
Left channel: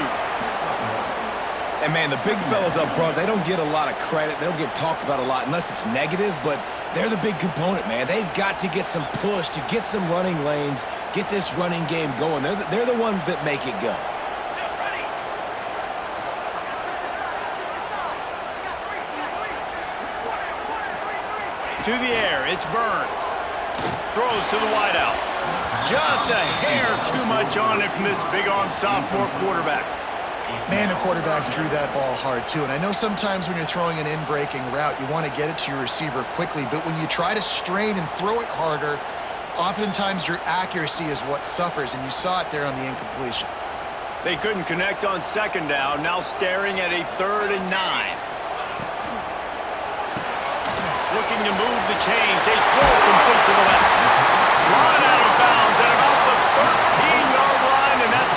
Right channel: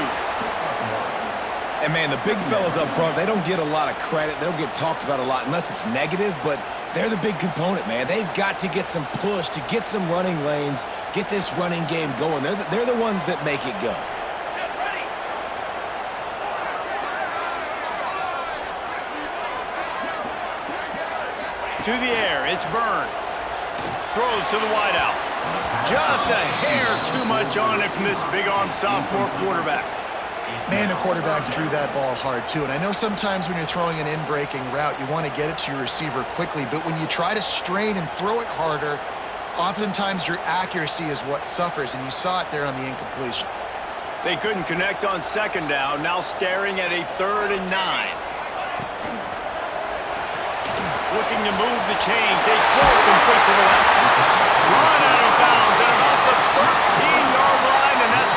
And, man, the big fellas up front, they don't get a lot of credit. They don't get talked about a lot unless it's negative, but they're the big component, man. They've got to get some push, to get some running lanes, get this running game going. They're the ones that make it go. To the air, it's Byrne. Throws to the wideout. Just a hair too much on it from this big-arm sophomore quarterback. Man, the quarterback threw that ball hard, too. And I know sometimes when you're throwing an in-breaking route, you want to get it to your receiver quickly. But when you try to strain and throw it harder, oftentimes your accuracy is what suffers. And you saw it there on the incompletion. They couldn't connect on second down. Now staring at a 3rd and 9. Looking to move the chains. They throw it complete to the left. Run out of bounds at about the 13-yard line, and that's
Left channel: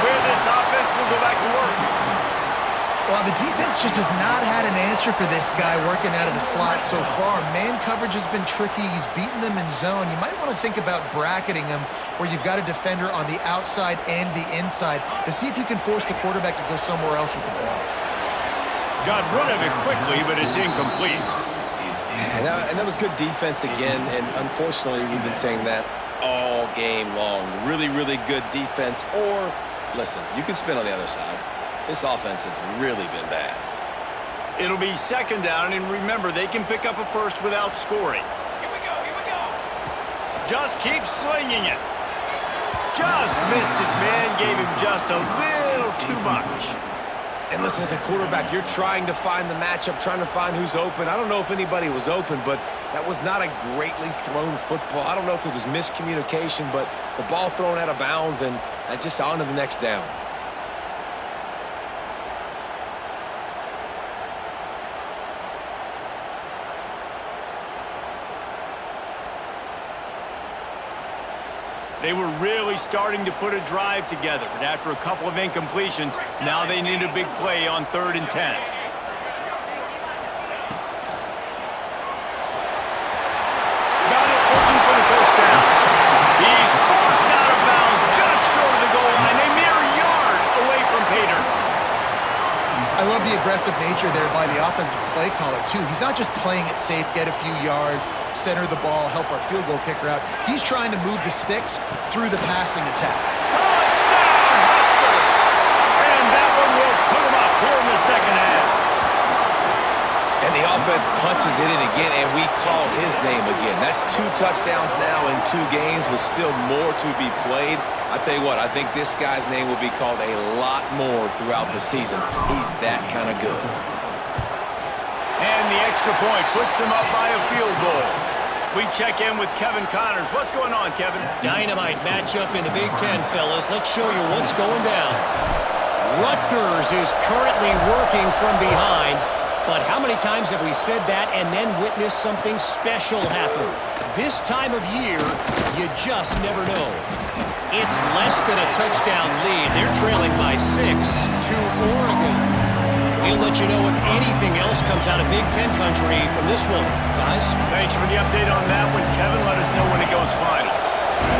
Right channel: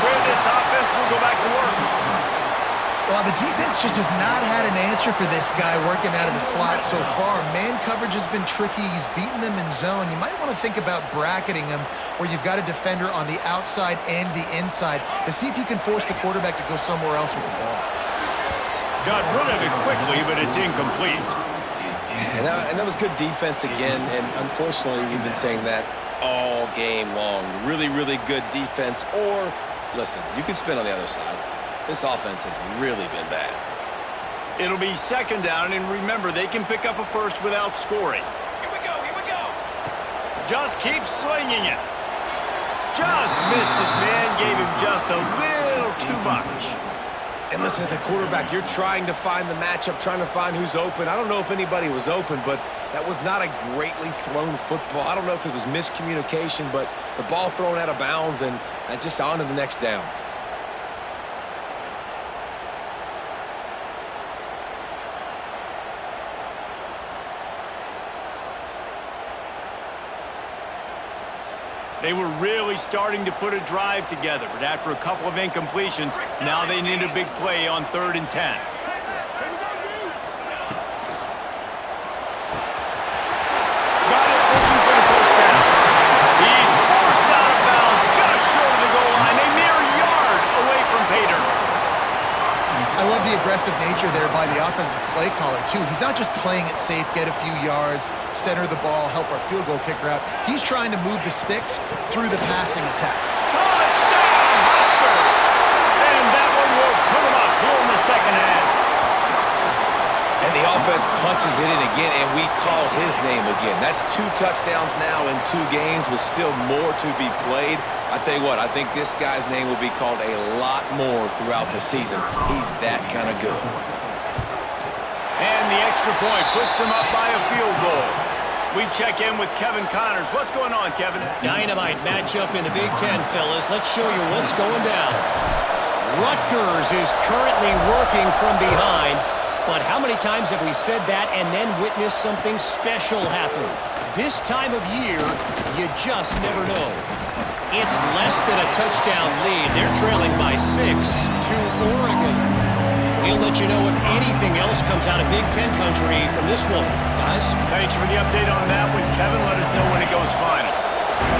the defense just has not had an answer for this guy working out of the slot so far. Man coverage has been tricky. He's beaten them in zone. You might want to think about bracketing him where you've got a defender on the outside and the inside to see if you can force the quarterback to go somewhere else with the ball. Got rid of it quickly, but it's incomplete. And that was good defense again, and unfortunately, we've been saying that all game long. Really, really good defense, or, listen, you can spin on the other side. This offense has really been bad. It'll be second down, and remember, they can pick up a first without scoring. Here we go, here we go. Just keep slinging it. Just missed his man, gave him just a little too much. And listen, as a quarterback, you're trying to find the matchup, trying to find who's open. I don't know if anybody was open, but that was not a greatly thrown football. I don't know if it was miscommunication, but the ball thrown out of bounds and just on to the next down. They were really starting to put a drive together, but after a couple of incompletions, now they need a big play on 3rd and 10. Got it, looking for the first down. He's forced out of bounds, just short of the goal line, a mere yard away from pay dirt. I love the aggressive nature there by the offensive play caller, too. He's not just playing it safe, get a few yards, center the ball, help our field goal kicker out. He's trying to move the sticks through the passing attack. Touchdown, Huskers! And that one will put them up here in the second half. And the offense punches it in again, and we call his name again. That's 2 touchdowns now in 2 games with still more to be played. I tell you what, I think this guy's name will be called a lot more throughout the season. He's that kind of good. And the extra point puts them up by a field goal. We check in with Kevin Connors. What's going on, Kevin? Dynamite matchup in the Big Ten, fellas. Let's show you what's going down. Rutgers is currently working from behind. But how many times have we said that and then witnessed something special happen? This time of year, you just never know. It's less than a touchdown lead. They're trailing by 6 to Oregon. We'll let you know if anything else comes out of Big Ten country from this one, guys. Thanks for the update on that one, Kevin. Let us know when it goes final.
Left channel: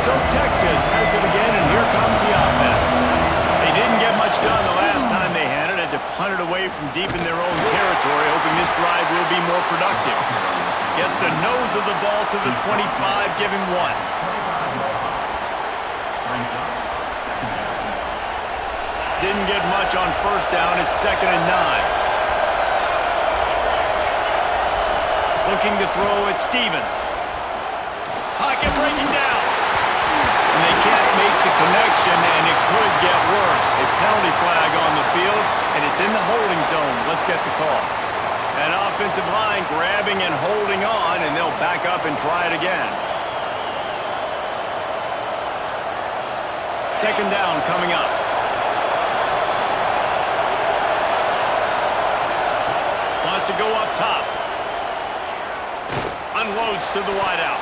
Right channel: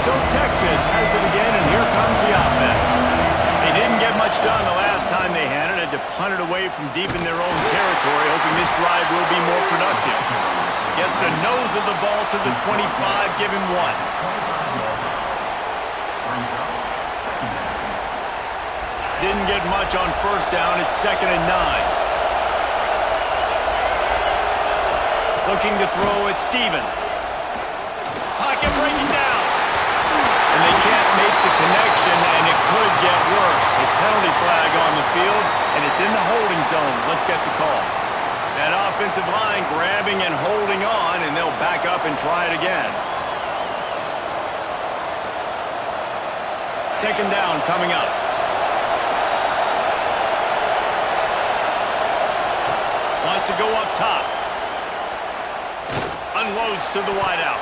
So Texas has it again, and here comes the offense. They didn't get much done the last time they had it. Had to punt it away from deep in their own territory, hoping this drive will be more productive. Gets the nose of the ball to the 25, give him 1. Didn't get much on first down. It's 2nd and 9. Looking to throw at Stevens. Pocket breaking down. And they can't make the connection, and it could get worse. A penalty flag on the field, and it's in the holding zone. Let's get the call. An offensive line grabbing and holding on, and they'll back up and try it again. 2nd down coming up. Wants to go up top. Unloads to the wideout.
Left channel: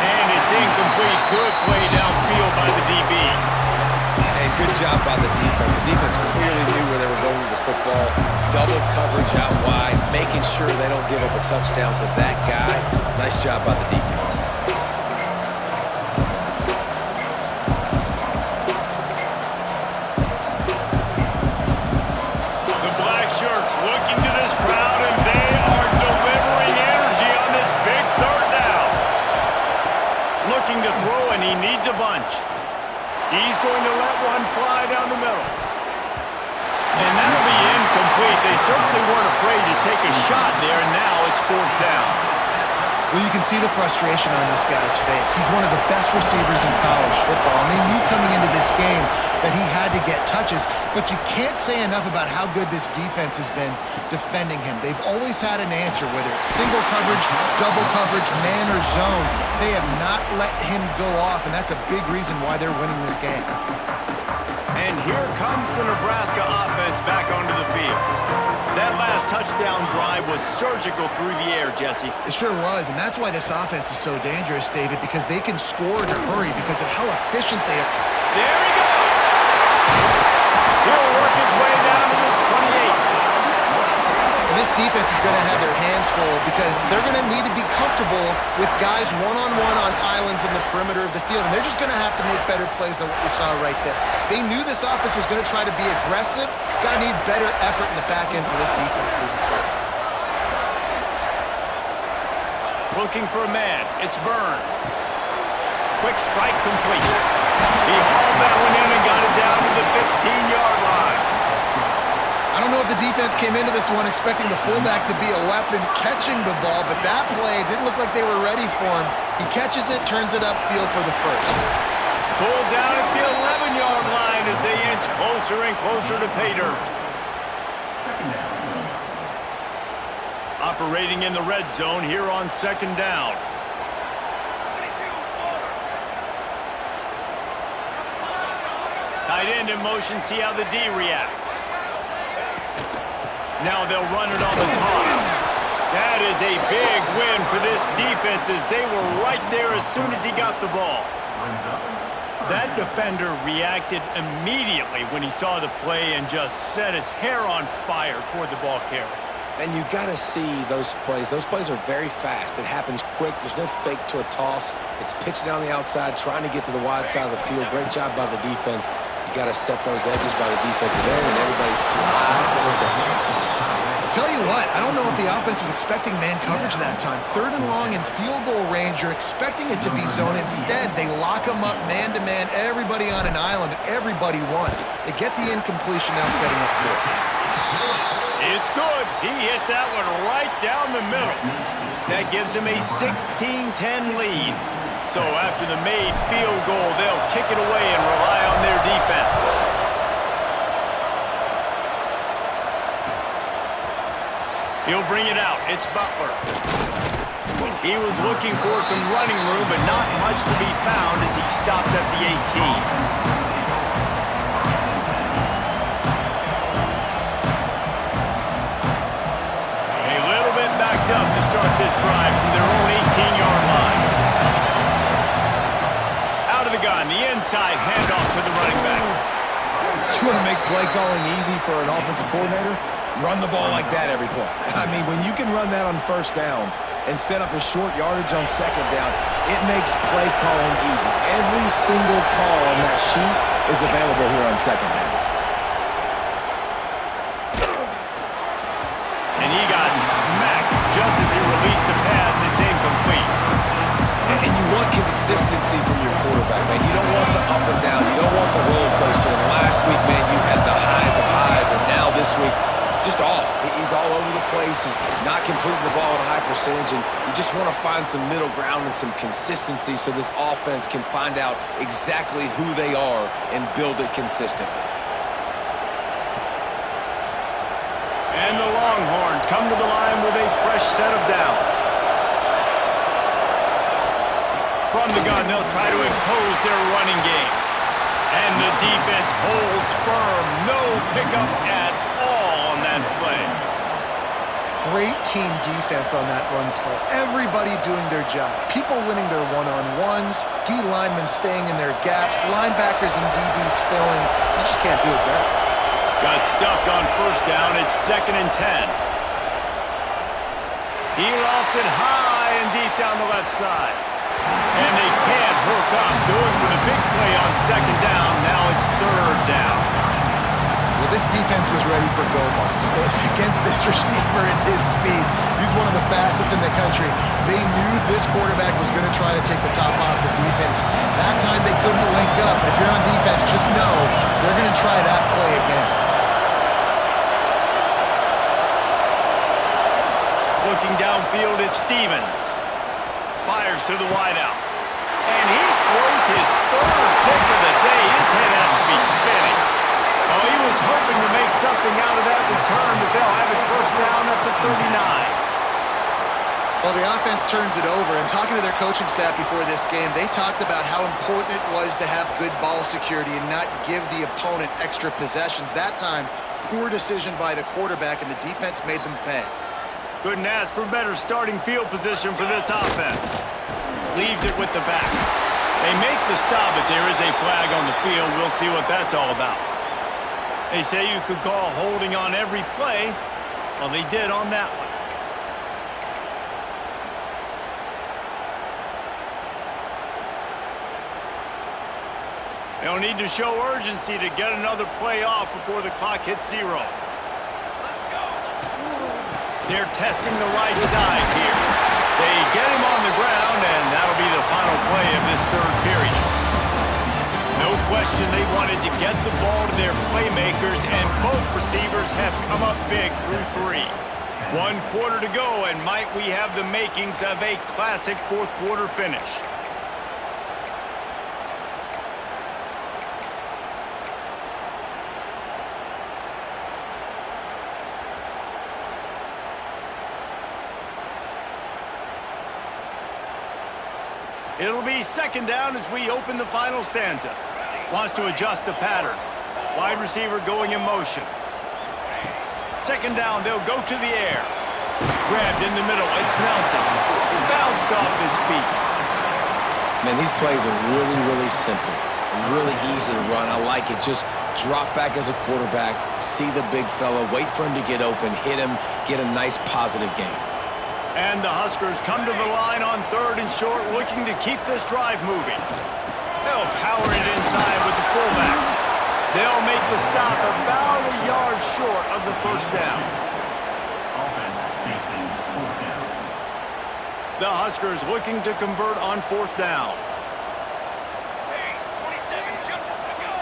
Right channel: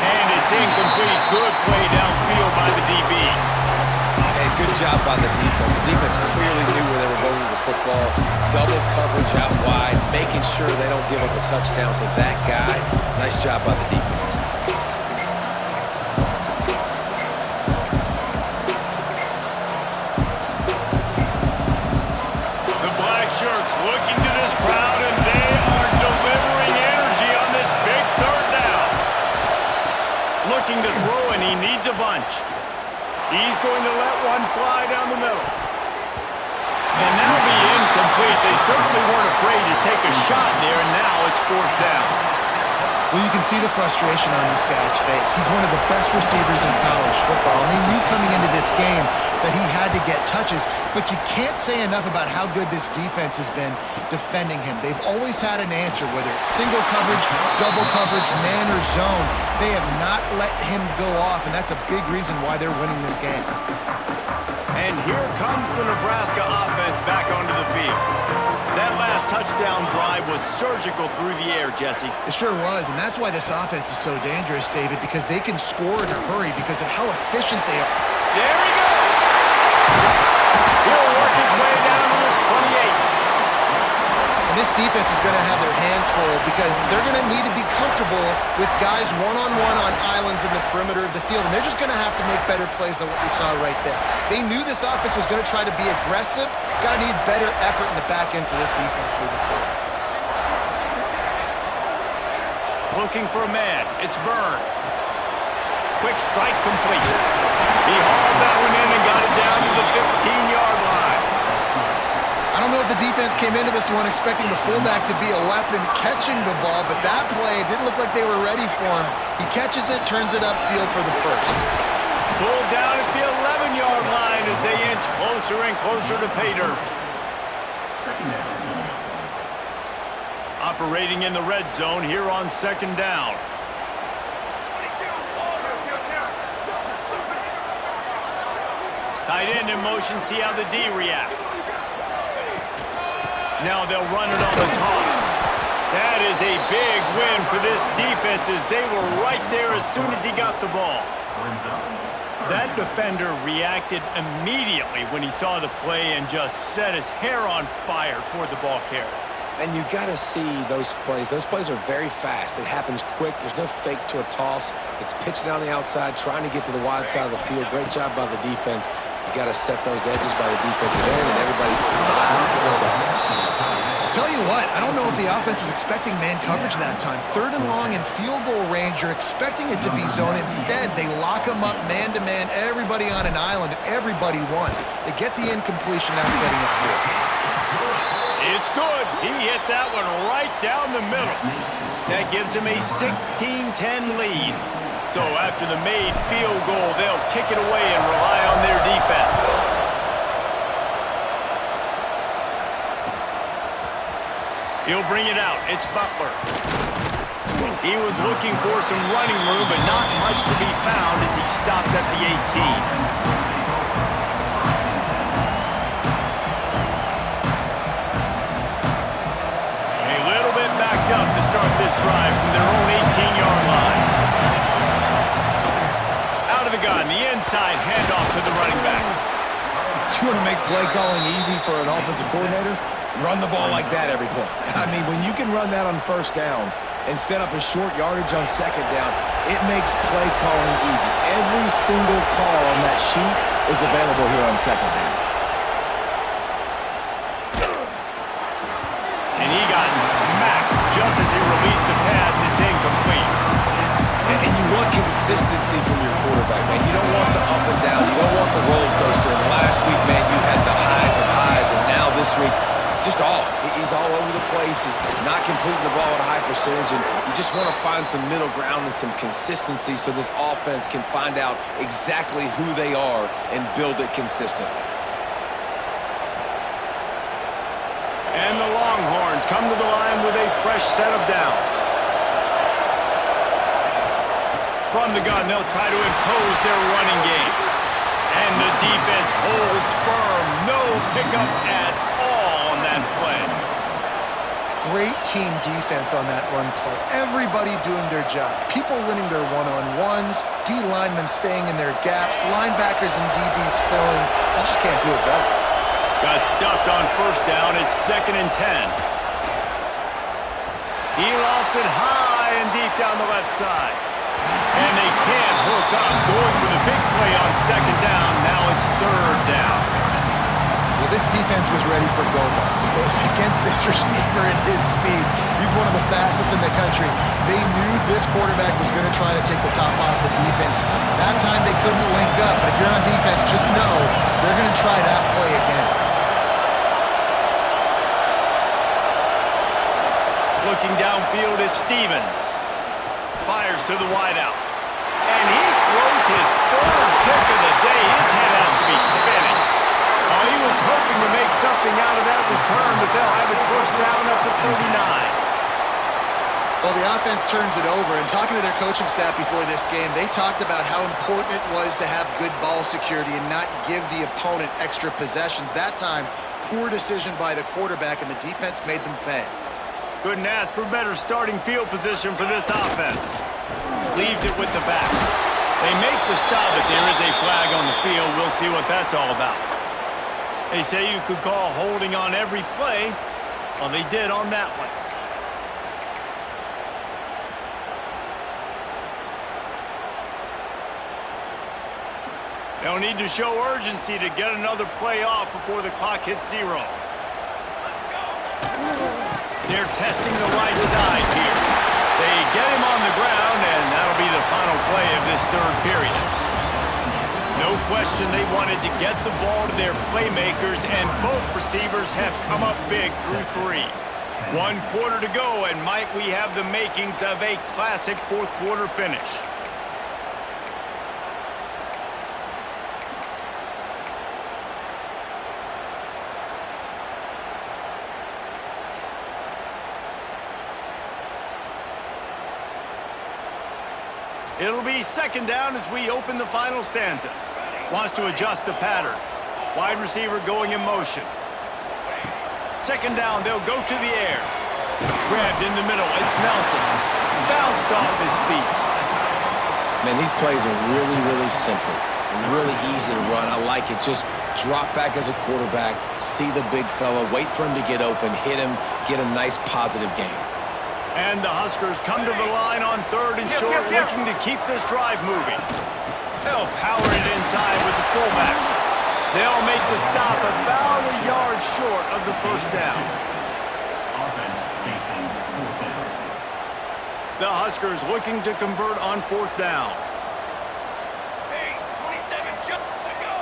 And it's incomplete. Good play downfield by the DB. Hey, good job by the defense. The defense clearly knew where they were going with the football. Double coverage out wide, making sure they don't give up a touchdown to that guy. Nice job by the defense. The black shirts looking to this crowd, and they are delivering energy on this big 3rd down. Looking to throw, and he needs a bunch. He's going to let one fly down the middle. And that'll be incomplete. They certainly weren't afraid to take a shot there, and now it's 4th down. Well, you can see the frustration on this guy's face. He's one of the best receivers in college football, and they knew coming into this game that he had to get touches, but you can't say enough about how good this defense has been defending him. They've always had an answer, whether it's single coverage, double coverage, man or zone. They have not let him go off, and that's a big reason why they're winning this game. And here comes the Nebraska offense back onto the field. That last touchdown drive was surgical through the air, Jesse. It sure was, and that's why this offense is so dangerous, David, because they can score in a hurry because of how efficient they are. There he goes! He'll work his way down to the 28. And this defense is going to have their hands full because they're going to need to be comfortable with guys one-on-one on islands in the perimeter of the field, and they're just going to have to make better plays than what we saw right there. They knew this offense was going to try to be aggressive. Got to need better effort in the back end for this defense moving forward. Looking for a man. It's Byrne. Quick strike complete. He hauled that one in and got it down to the 15-yard line. I don't know if the defense came into this one expecting the fullback to be a weapon catching the ball, but that play didn't look like they were ready for him. He catches it, turns it upfield for the first. Pulled down at the 11-yard line as they inch closer and closer to pay dirt. Second down. Operating in the red zone here on second down. 22, order, Tight end in motion, see how the D reacts. Now they'll run it on the toss. That is a big win for this defense as they were right there as soon as he got the ball. Brings up. That defender reacted immediately when he saw the play and just set his hair on fire toward the ball carrier. And you got to see those plays. Those plays are very fast. It happens quick. There's no fake to a toss. It's pitching down the outside, trying to get to the wide side of the field. Great job by the defense. You got to set those edges by the defensive end, and everybody fly to the football. I'll tell you what, I don't know if the offense was expecting man coverage that time. 3rd and long in field goal range, you're expecting it to be zone. Instead, they lock them up man-to-man, everybody on an island, everybody won. They get the incompletion now setting up 4th. It's good. He hit that one right down the middle. That gives him a 16-10 lead. So after the made field goal, they'll kick it away and rely on their defense. He'll bring it out. It's Butler. He was looking for some running room, but not much to be found as he stopped at the 18. Backed up to start this drive from their own 18-yard line. Out of the gun, the inside handoff to the running back. You want to make play calling easy for an offensive coordinator? Run the ball like that every play. I mean, when you can run that on first down and set up a short yardage on second down, it makes play calling easy. Every single call on that sheet is available here on second down. And he got smacked just as he released the pass. It's incomplete. And you want consistency from your quarterback, man. You don't want the up and down. You don't want the roller coaster. And last week, man, you had the highs of highs. And now this week, just off. He's all over the place. He's not completing the ball at a high percentage. And you just want to find some middle ground and some consistency so this offense can find out exactly who they are and build it consistently. And the Longhorns come to the line with a fresh set of downs. From the gun, they'll try to impose their running game. And the defense holds firm. No pickup at all on that play. Great team defense on that run play. Everybody doing their job. People winning their one-on-ones, D linemen staying in their gaps, linebackers and DBs filling. You just can't do it better. Got stuffed on first down. It's 2nd and 10. He lofts it high and deep down the left side. And they can't hook up. Going for the big play on second down. Now it's 3rd down. Well, this defense was ready for go balls. Against this receiver and his speed. He's one of the fastest in the country. They knew this quarterback was going to try to take the top off the defense. That time they couldn't link up. But if you're on defense, just know they're going to try that play again. Looking downfield at Stevens. Fires to the wideout. And he throws his 3rd pick of the day. His head has to be spinning. Oh, he was hoping to make something out of that return, but they'll have it first down at the 39. Well, the offense turns it over, and talking to their coaching staff before this game, they talked about how important it was to have good ball security and not give the opponent extra possessions. That time, poor decision by the quarterback, and the defense made them pay. Couldn't ask for better starting field position for this offense. Leaves it with the back. They make the stop, but there is a flag on the field. We'll see what that's all about. They say you could call holding on every play, Well, they did on that one. They'll need to show urgency to get another play off before the clock hits 0. Let's go. They're testing the right side here. They get him on the ground, and that'll be the final play of this third period. No question they wanted to get the ball to their playmakers, and both receivers have come up big through 3. 1 quarter to go, and might we have the makings of a classic fourth quarter finish. It'll be second down as we open the final stanza. Wants to adjust the pattern. Wide receiver going in motion. Second down, they'll go to the air. Grabbed in the middle, it's Nelson. Bounced off his feet. Man, these plays are really, really simple. Really easy to run. I like it. Just drop back as a quarterback, see the big fella, wait for him to get open, hit him, get a nice positive gain. And the Huskers come to the line on 3rd and short, looking to keep this drive moving. They'll power it inside with the fullback. They'll make the stop about a yard short of the first down. Offense facing 4th down. The Huskers looking to convert on 4th down. Pace, 27, jump to go.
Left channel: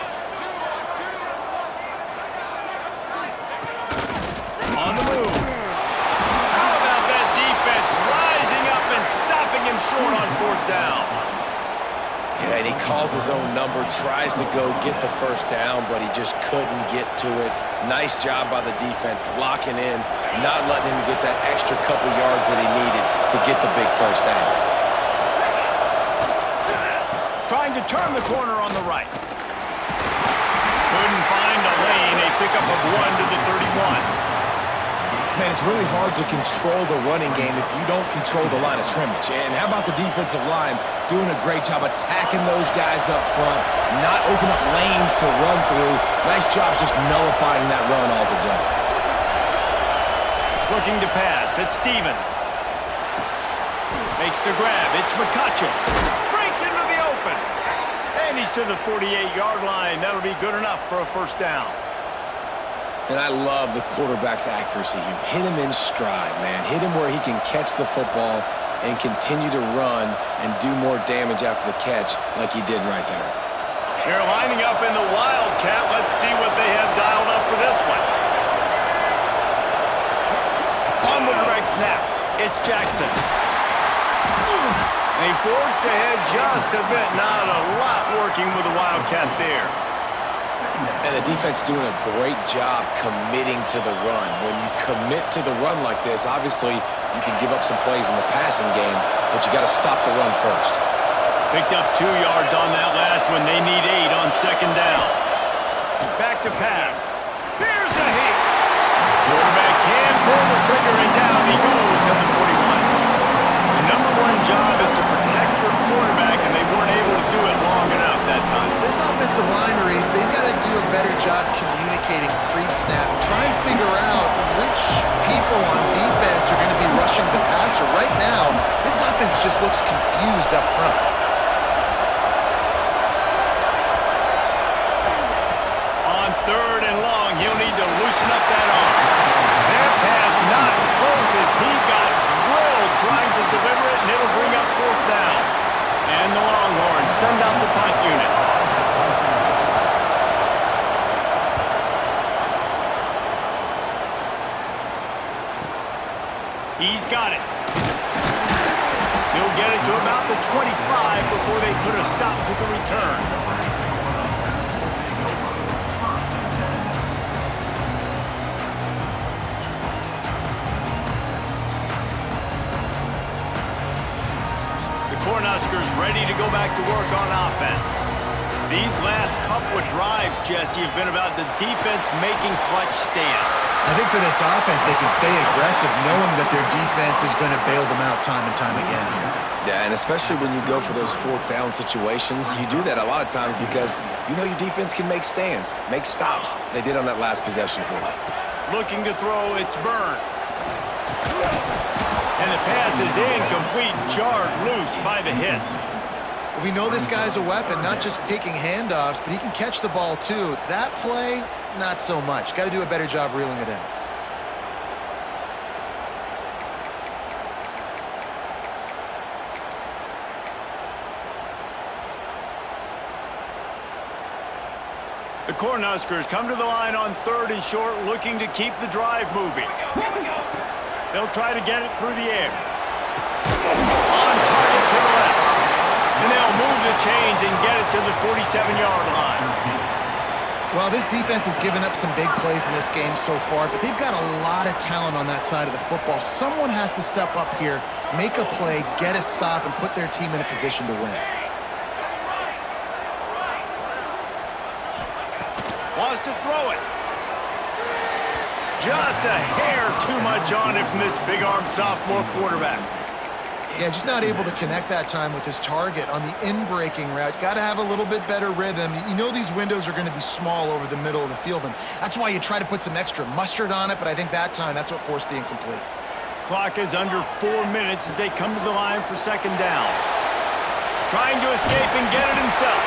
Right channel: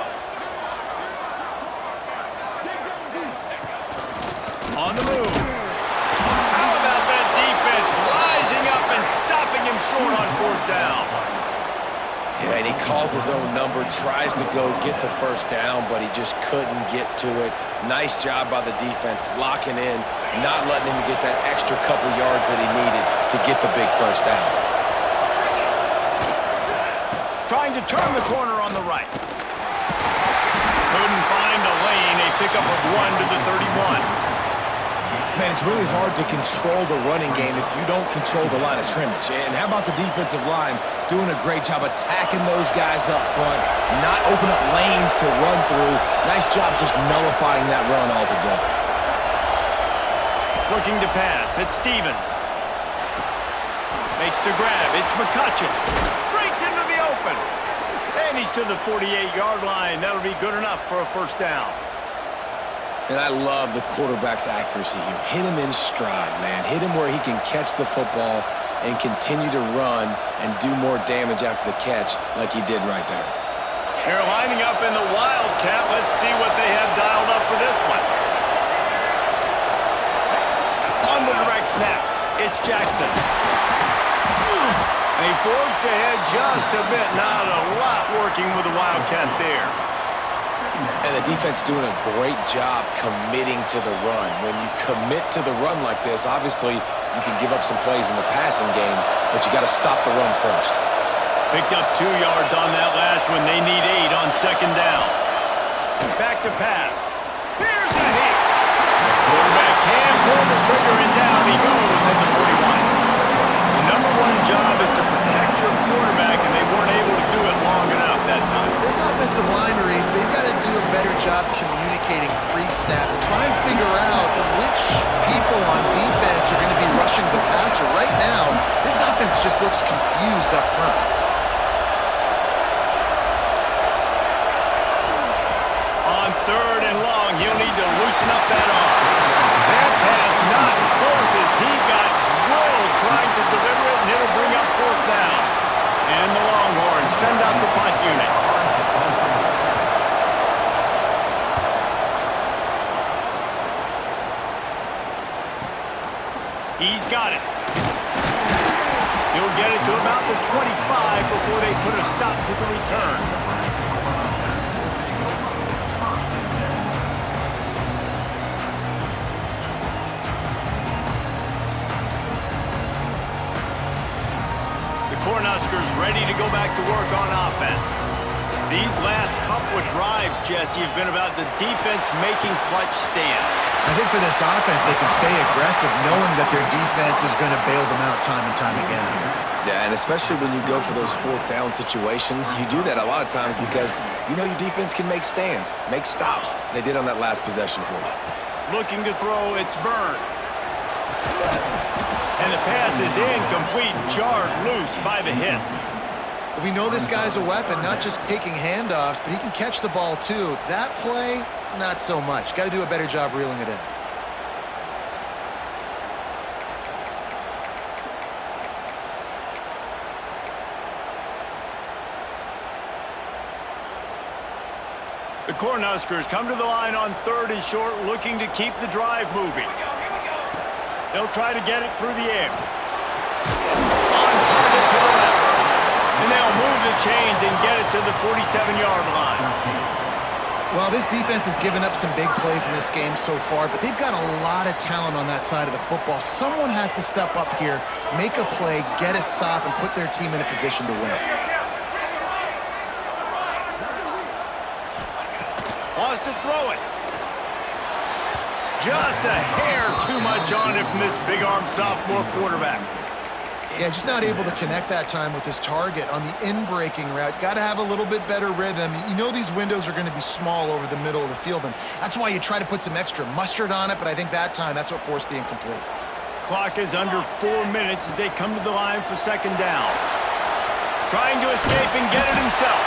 2 On the move. How about that defense rising up and stopping him short on 4th down? Yeah, and he calls his own number, tries to go get the first down, but he just couldn't get to it. Nice job by the defense, locking in, not letting him get that extra couple yards that he needed to get the big first down. Trying to turn the corner on the right. Couldn't find a lane, a pickup of 1 to the 31. Man, it's really hard to control the running game if you don't control the line of scrimmage. And how about the defensive line doing a great job attacking those guys up front, not open up lanes to run through. Nice job just nullifying that run altogether. Looking to pass, it's Stevens. Makes the grab, it's McCutcheon. Breaks into the open. And he's to the 48-yard line. That'll be good enough for a first down. And I love the quarterback's accuracy here. Hit him in stride, man. Hit him where he can catch the football and continue to run and do more damage after the catch like he did right there. They're lining up in the Wildcat. Let's see what they have dialed up for this one. On the direct snap, it's Jackson. They forged ahead just a bit. Not a lot working with the Wildcat there. And the defense doing a great job committing to the run. When you commit to the run like this, obviously you can give up some plays in the passing game, but you got to stop the run first. Picked up 2 yards on that last one. They need 8 on second down. Back to pass. Here's a hit. Quarterback can pull the trigger, and down he goes at the 41. The number one job is to protect your quarterback, and they weren't able to do it long enough that time. This offensive line, Reese, they've got to do a better job communicating pre-snap. Try and figure out which people on defense are going to be rushing the passer. Right now, this offense just looks confused up front. On 3rd and long, he'll need to loosen up that arm. That pass not close as he got drilled trying to deliver it, and it'll bring up 4th down. And the Longhorns send out the punt unit. He's got it. He'll get it to about the 25 before they put a stop to the return. Cornhuskers ready to go back to work on offense. These last couple of drives, Jesse, have been about the defense making clutch stand. I think for this offense, they can stay aggressive knowing that their defense is going to bail them out time and time again here. Yeah, and especially when you go for those 4th down situations, you do that a lot of times because you know your defense can make stands, make stops. They did on that last possession for you. looking to throw. It's Byrne. And the pass is incomplete, jarred loose by the hit. We know this guy's a weapon, not just taking handoffs, but he can catch the ball too. That play, not so much. Got to do a better job reeling it in. The Cornhuskers come to the line on 3rd and short, looking to keep the drive moving. Here we go. They'll try to get it through the air. On target to the left. And they'll move the chains and get it to the 47-yard line. Well, this defense has given up some big plays in this game so far, but they've got a lot of talent on that side of the football. Someone has to step up here, make a play, get a stop, and put their team in a position to win. Wants to throw it. Just a hair too much on it from this big-armed sophomore quarterback. Yeah, just not able to connect that time with his target on the in-breaking route. Got to have a little bit better rhythm. You know these windows are going to be small over the middle of the field, and that's why you try to put some extra mustard on it, but I think that time that's what forced the incomplete. Clock is under 4 minutes as they come to the line for 2nd down. Trying to escape and get it himself.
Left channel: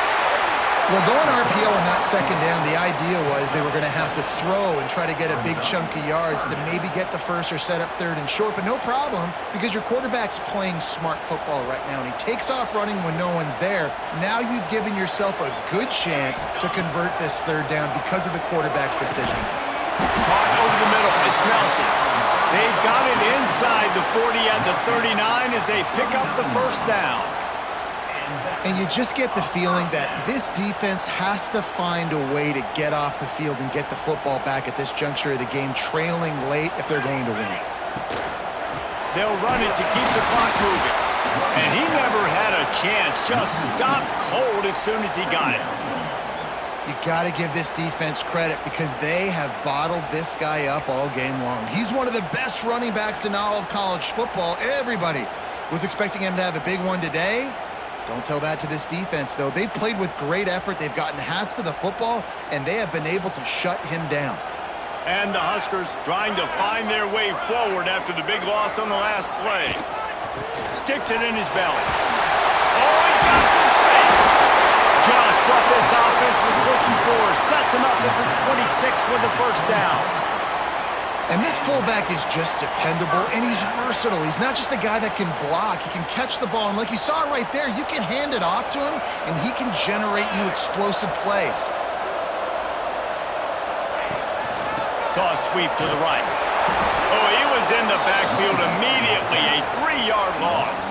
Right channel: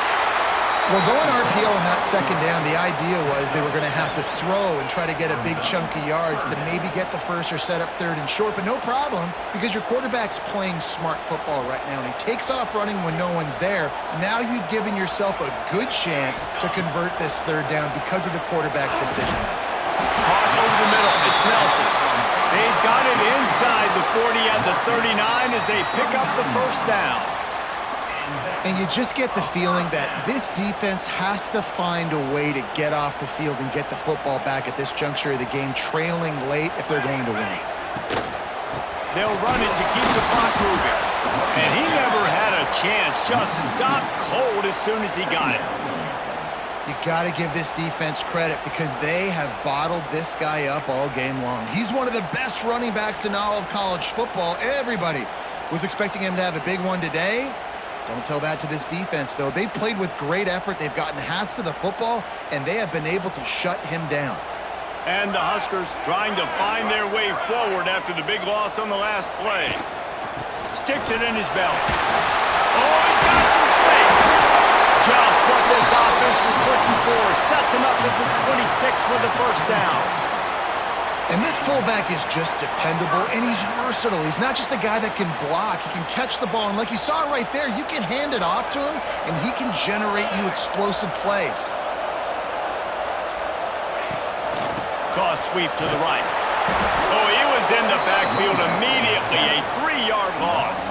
Well, going RPO on that 2nd down, the idea was they were going to have to throw and try to get a big chunk of yards to maybe get the first or set up 3rd and short, but no problem because your quarterback's playing smart football right now, and he takes off running when no one's there. Now you've given yourself a good chance to convert this 3rd down because of the quarterback's decision. Caught over the middle. It's Nelson. They've got it inside the 40 at the 39 as they pick up the 1st down. And you just get the feeling that this defense has to find a way to get off the field and get the football back at this juncture of the game, trailing late if they're going to win. They'll run it to keep the clock moving. And he never had a chance. Just stopped cold as soon as he got it. You got to give this defense credit because they have bottled this guy up all game long. He's one of the best running backs in all of college football. Everybody was expecting him to have a big one today. Don't tell that to this defense, though. They've played with great effort. They've gotten hats to the football, and they have been able to shut him down. And the Huskers trying to find their way forward after the big loss on the last play. Sticks it in his belly. Oh, he's got some space. Just what this offense was looking for. Sets him up at the 26 with the 1st down. And this fullback is just dependable, and he's versatile. He's not just a guy that can block. He can catch the ball, and like you saw right there, you can hand it off to him, and he can generate you explosive plays. Toss sweep to the right. Oh, he was in the backfield immediately. A 3-yard loss.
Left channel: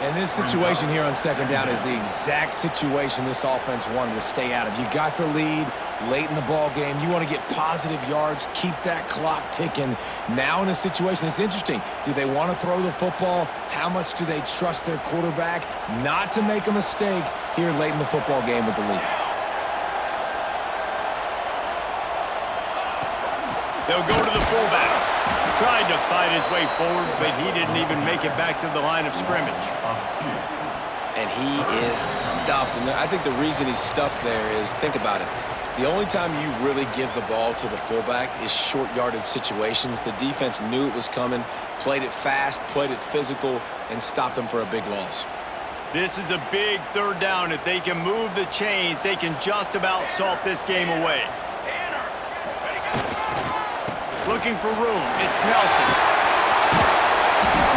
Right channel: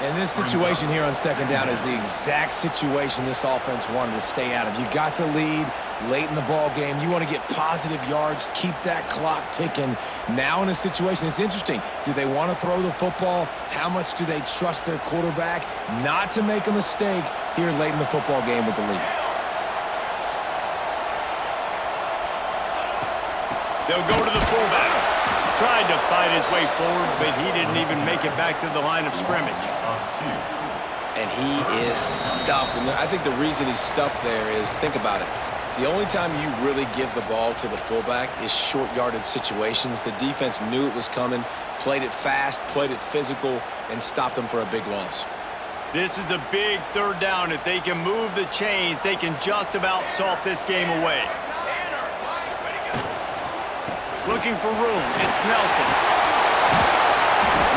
And this situation here on 2nd down is the exact situation this offense wanted to stay out of. You got the lead late in the ball game. You want to get positive yards, keep that clock ticking. Now in a situation, it's interesting. Do they want to throw the football? How much do they trust their quarterback not to make a mistake here late in the football game with the lead? They'll go to the fullback. Tried to fight his way forward, but he didn't even make it back to the line of scrimmage. And he is stuffed. And I think the reason he's stuffed there is, think about it. The only time you really give the ball to the fullback is short-yarded situations. The defense knew it was coming, played it fast, played it physical, and stopped him for a big loss. This is a big 3rd down. If they can move the chains, they can just about salt this game away. Looking for room. It's Nelson.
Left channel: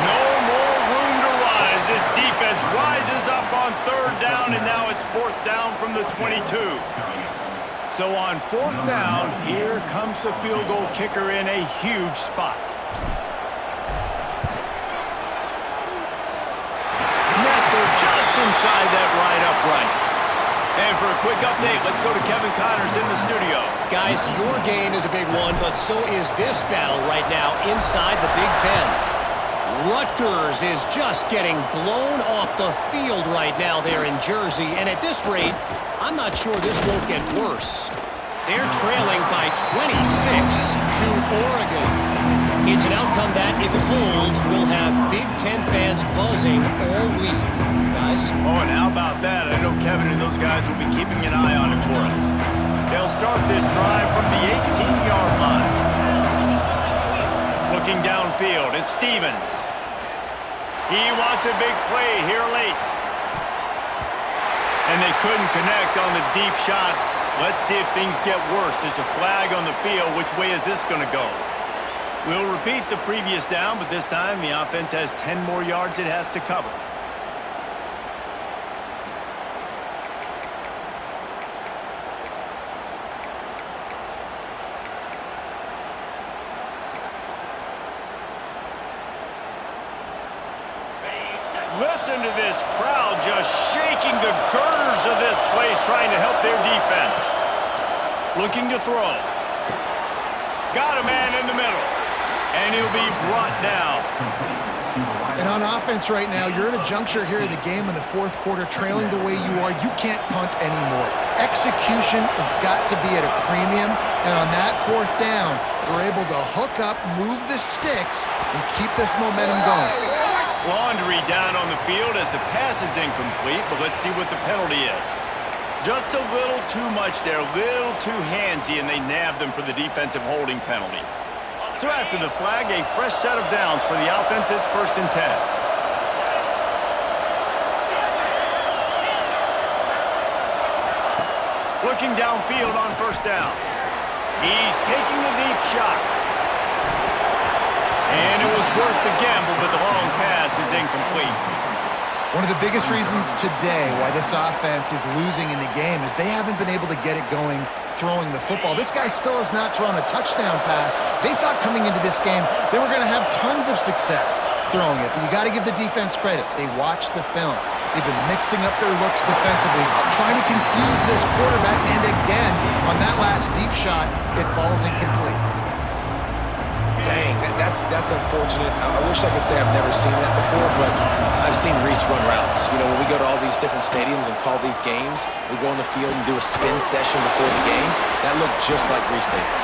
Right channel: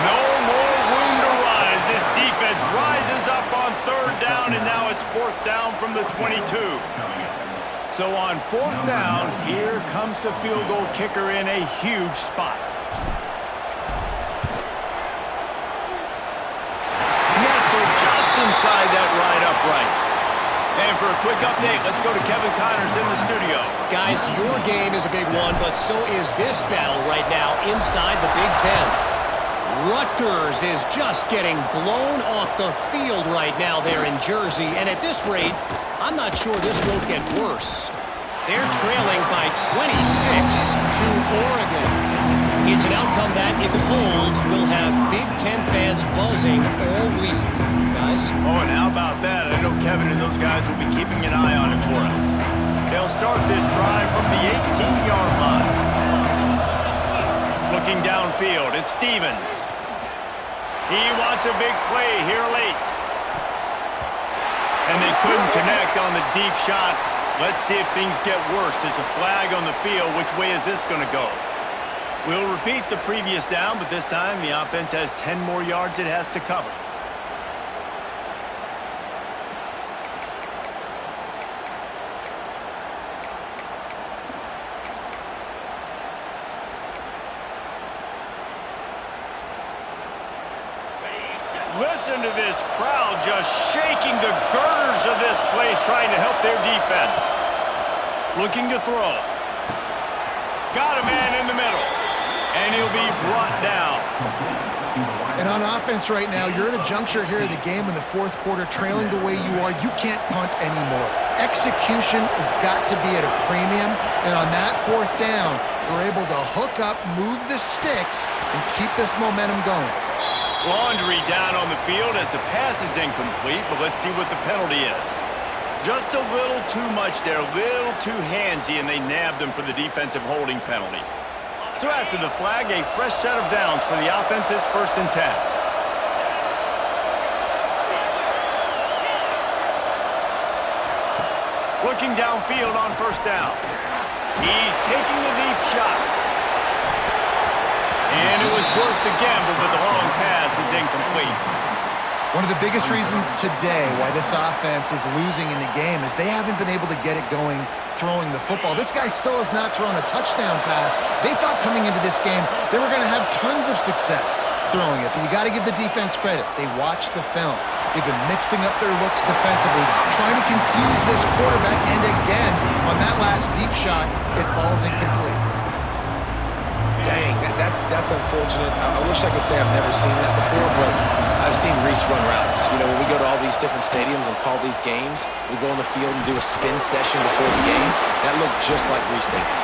No more room to run as this defense rises up on 3rd down, and now it's 4th down from the 22. So on 4th down, here comes the field goal kicker in a huge spot. Nestled just inside that right upright. And for a quick update, let's go to Kevin Connors in the studio. Guys, your game is a big one, but so is this battle right now inside the Big Ten. Rutgers is just getting blown off the field right now there in Jersey, and at this rate, I'm not sure this won't get worse. They're trailing by 26 to Oregon. It's an outcome that, if it holds, will have Big Ten fans buzzing all week. Guys? Oh, and how about that? I know Kevin and those guys will be keeping an eye on it for us. They'll start this drive from the 18-yard line. Looking downfield, it's Stevens. He wants a big play here late. And they couldn't connect on the deep shot. Let's see if things get worse. There's a flag on the field. Which way is this going to go? We'll repeat the previous down, but this time the offense has 10 more yards it has to cover. Listen to this crowd just shaking the girders of this place, trying to help their defense. Looking to throw. Got a man in the middle. And he'll be brought down. And on offense right now, you're at a juncture here in the game in the fourth quarter, trailing the way you are. You can't punt anymore. Execution has got to be at a premium. And on that fourth down, we're able to hook up, move the sticks, and keep this momentum going. Laundry down on the field as the pass is incomplete, but let's see what the penalty is. Just a little too much there, a little too handsy, and they nabbed them for the defensive holding penalty. So after the flag, a fresh set of downs for the offense. It's 1st and 10. Looking downfield on 1st down. He's taking a deep shot. And it was worth the gamble, but the long pass is incomplete. One of the biggest reasons today why this offense is losing in the game is they haven't been able to get it going throwing the football. This guy still has not thrown a touchdown pass. They thought coming into this game they were going to have tons of success throwing it, but you got to give the defense credit. They watched the film. They've been mixing up their looks defensively, trying to confuse this quarterback, and again, on that last deep shot, it falls incomplete. Dang, that's unfortunate. I wish I could say I've never seen that before, but I've seen Reese run routes. You know, when we go to all these different stadiums and call these games, we go on the field and do a spin session before the game. That looked just like Reese Davis.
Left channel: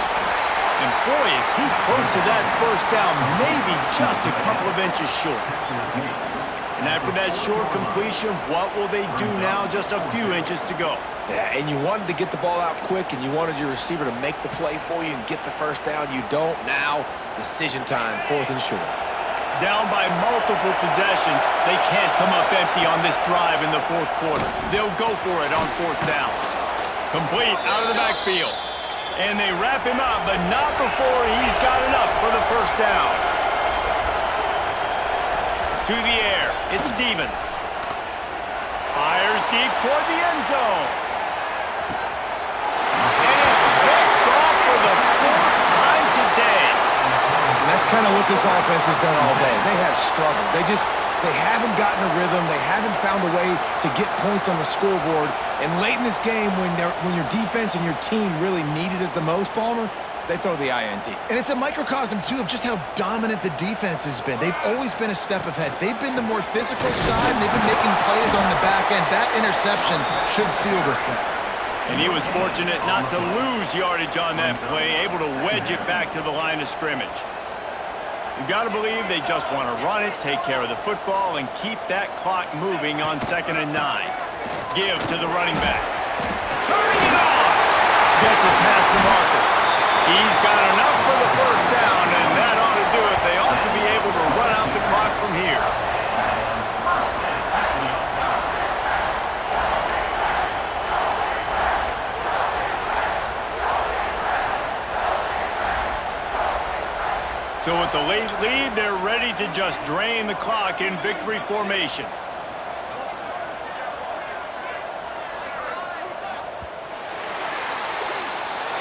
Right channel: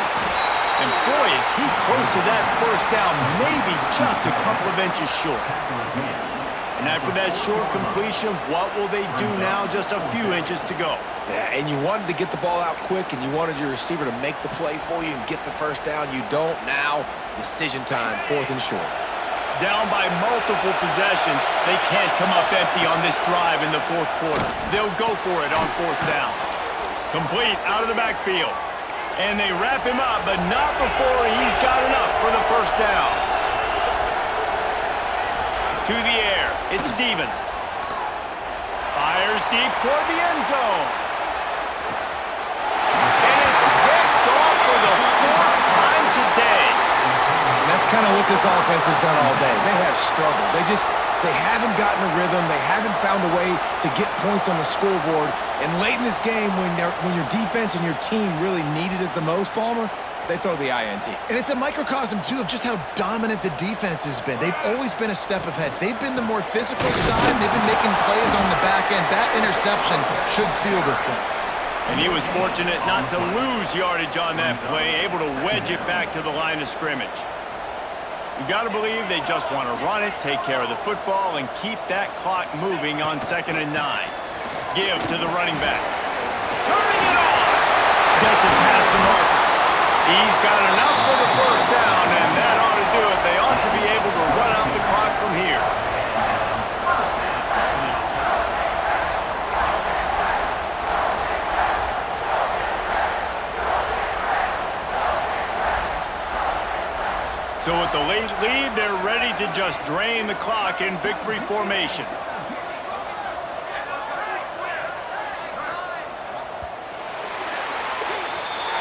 And boy, is he close to that 1st down, maybe just a couple of inches short. And after that short completion, what will they do now? Just a few inches to go. Yeah, and you wanted to get the ball out quick, and you wanted your receiver to make the play for you and get the 1st down. You don't now. Decision time, 4th and short. Down by multiple possessions, they can't come up empty on this drive in the 4th quarter. They'll go for it on 4th down. Complete out of the backfield. And they wrap him up, but not before he's got enough for the 1st down. To the air, it's Stevens. Fires deep toward the end zone. And it's picked off for the 4th time today. And that's kind of what this offense has done all day. They have struggled. They haven't gotten a rhythm. They haven't found a way to get points on the scoreboard. And late in this game, when your defense and your team really needed it the most, Palmer, they throw the INT. And it's a microcosm, too, of just how dominant the defense has been. They've always been a step ahead. They've been the more physical side, and they've been making plays on the back end. That interception should seal this thing. And he was fortunate not to lose yardage on that play, able to wedge it back to the line of scrimmage. You got to believe they just want to run it, take care of the football, and keep that clock moving on 2nd and 9. Give to the running back. Turning it on! Gets it past the marker. He's got enough for the 1st down, and that ought to do it. They ought to be able to run out the clock from here. So with the late lead, they're ready to just drain the clock in victory formation.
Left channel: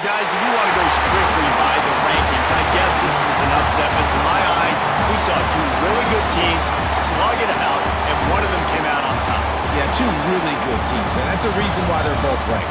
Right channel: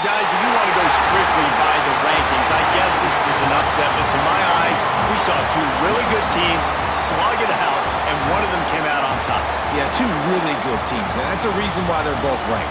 Guys, if you want to go strictly by the rankings, I guess this was an upset, but to my eyes, we saw 2 really good teams slug it out, and one of them came out on top. Yeah, 2 really good teams, man. That's a reason why they're both ranked.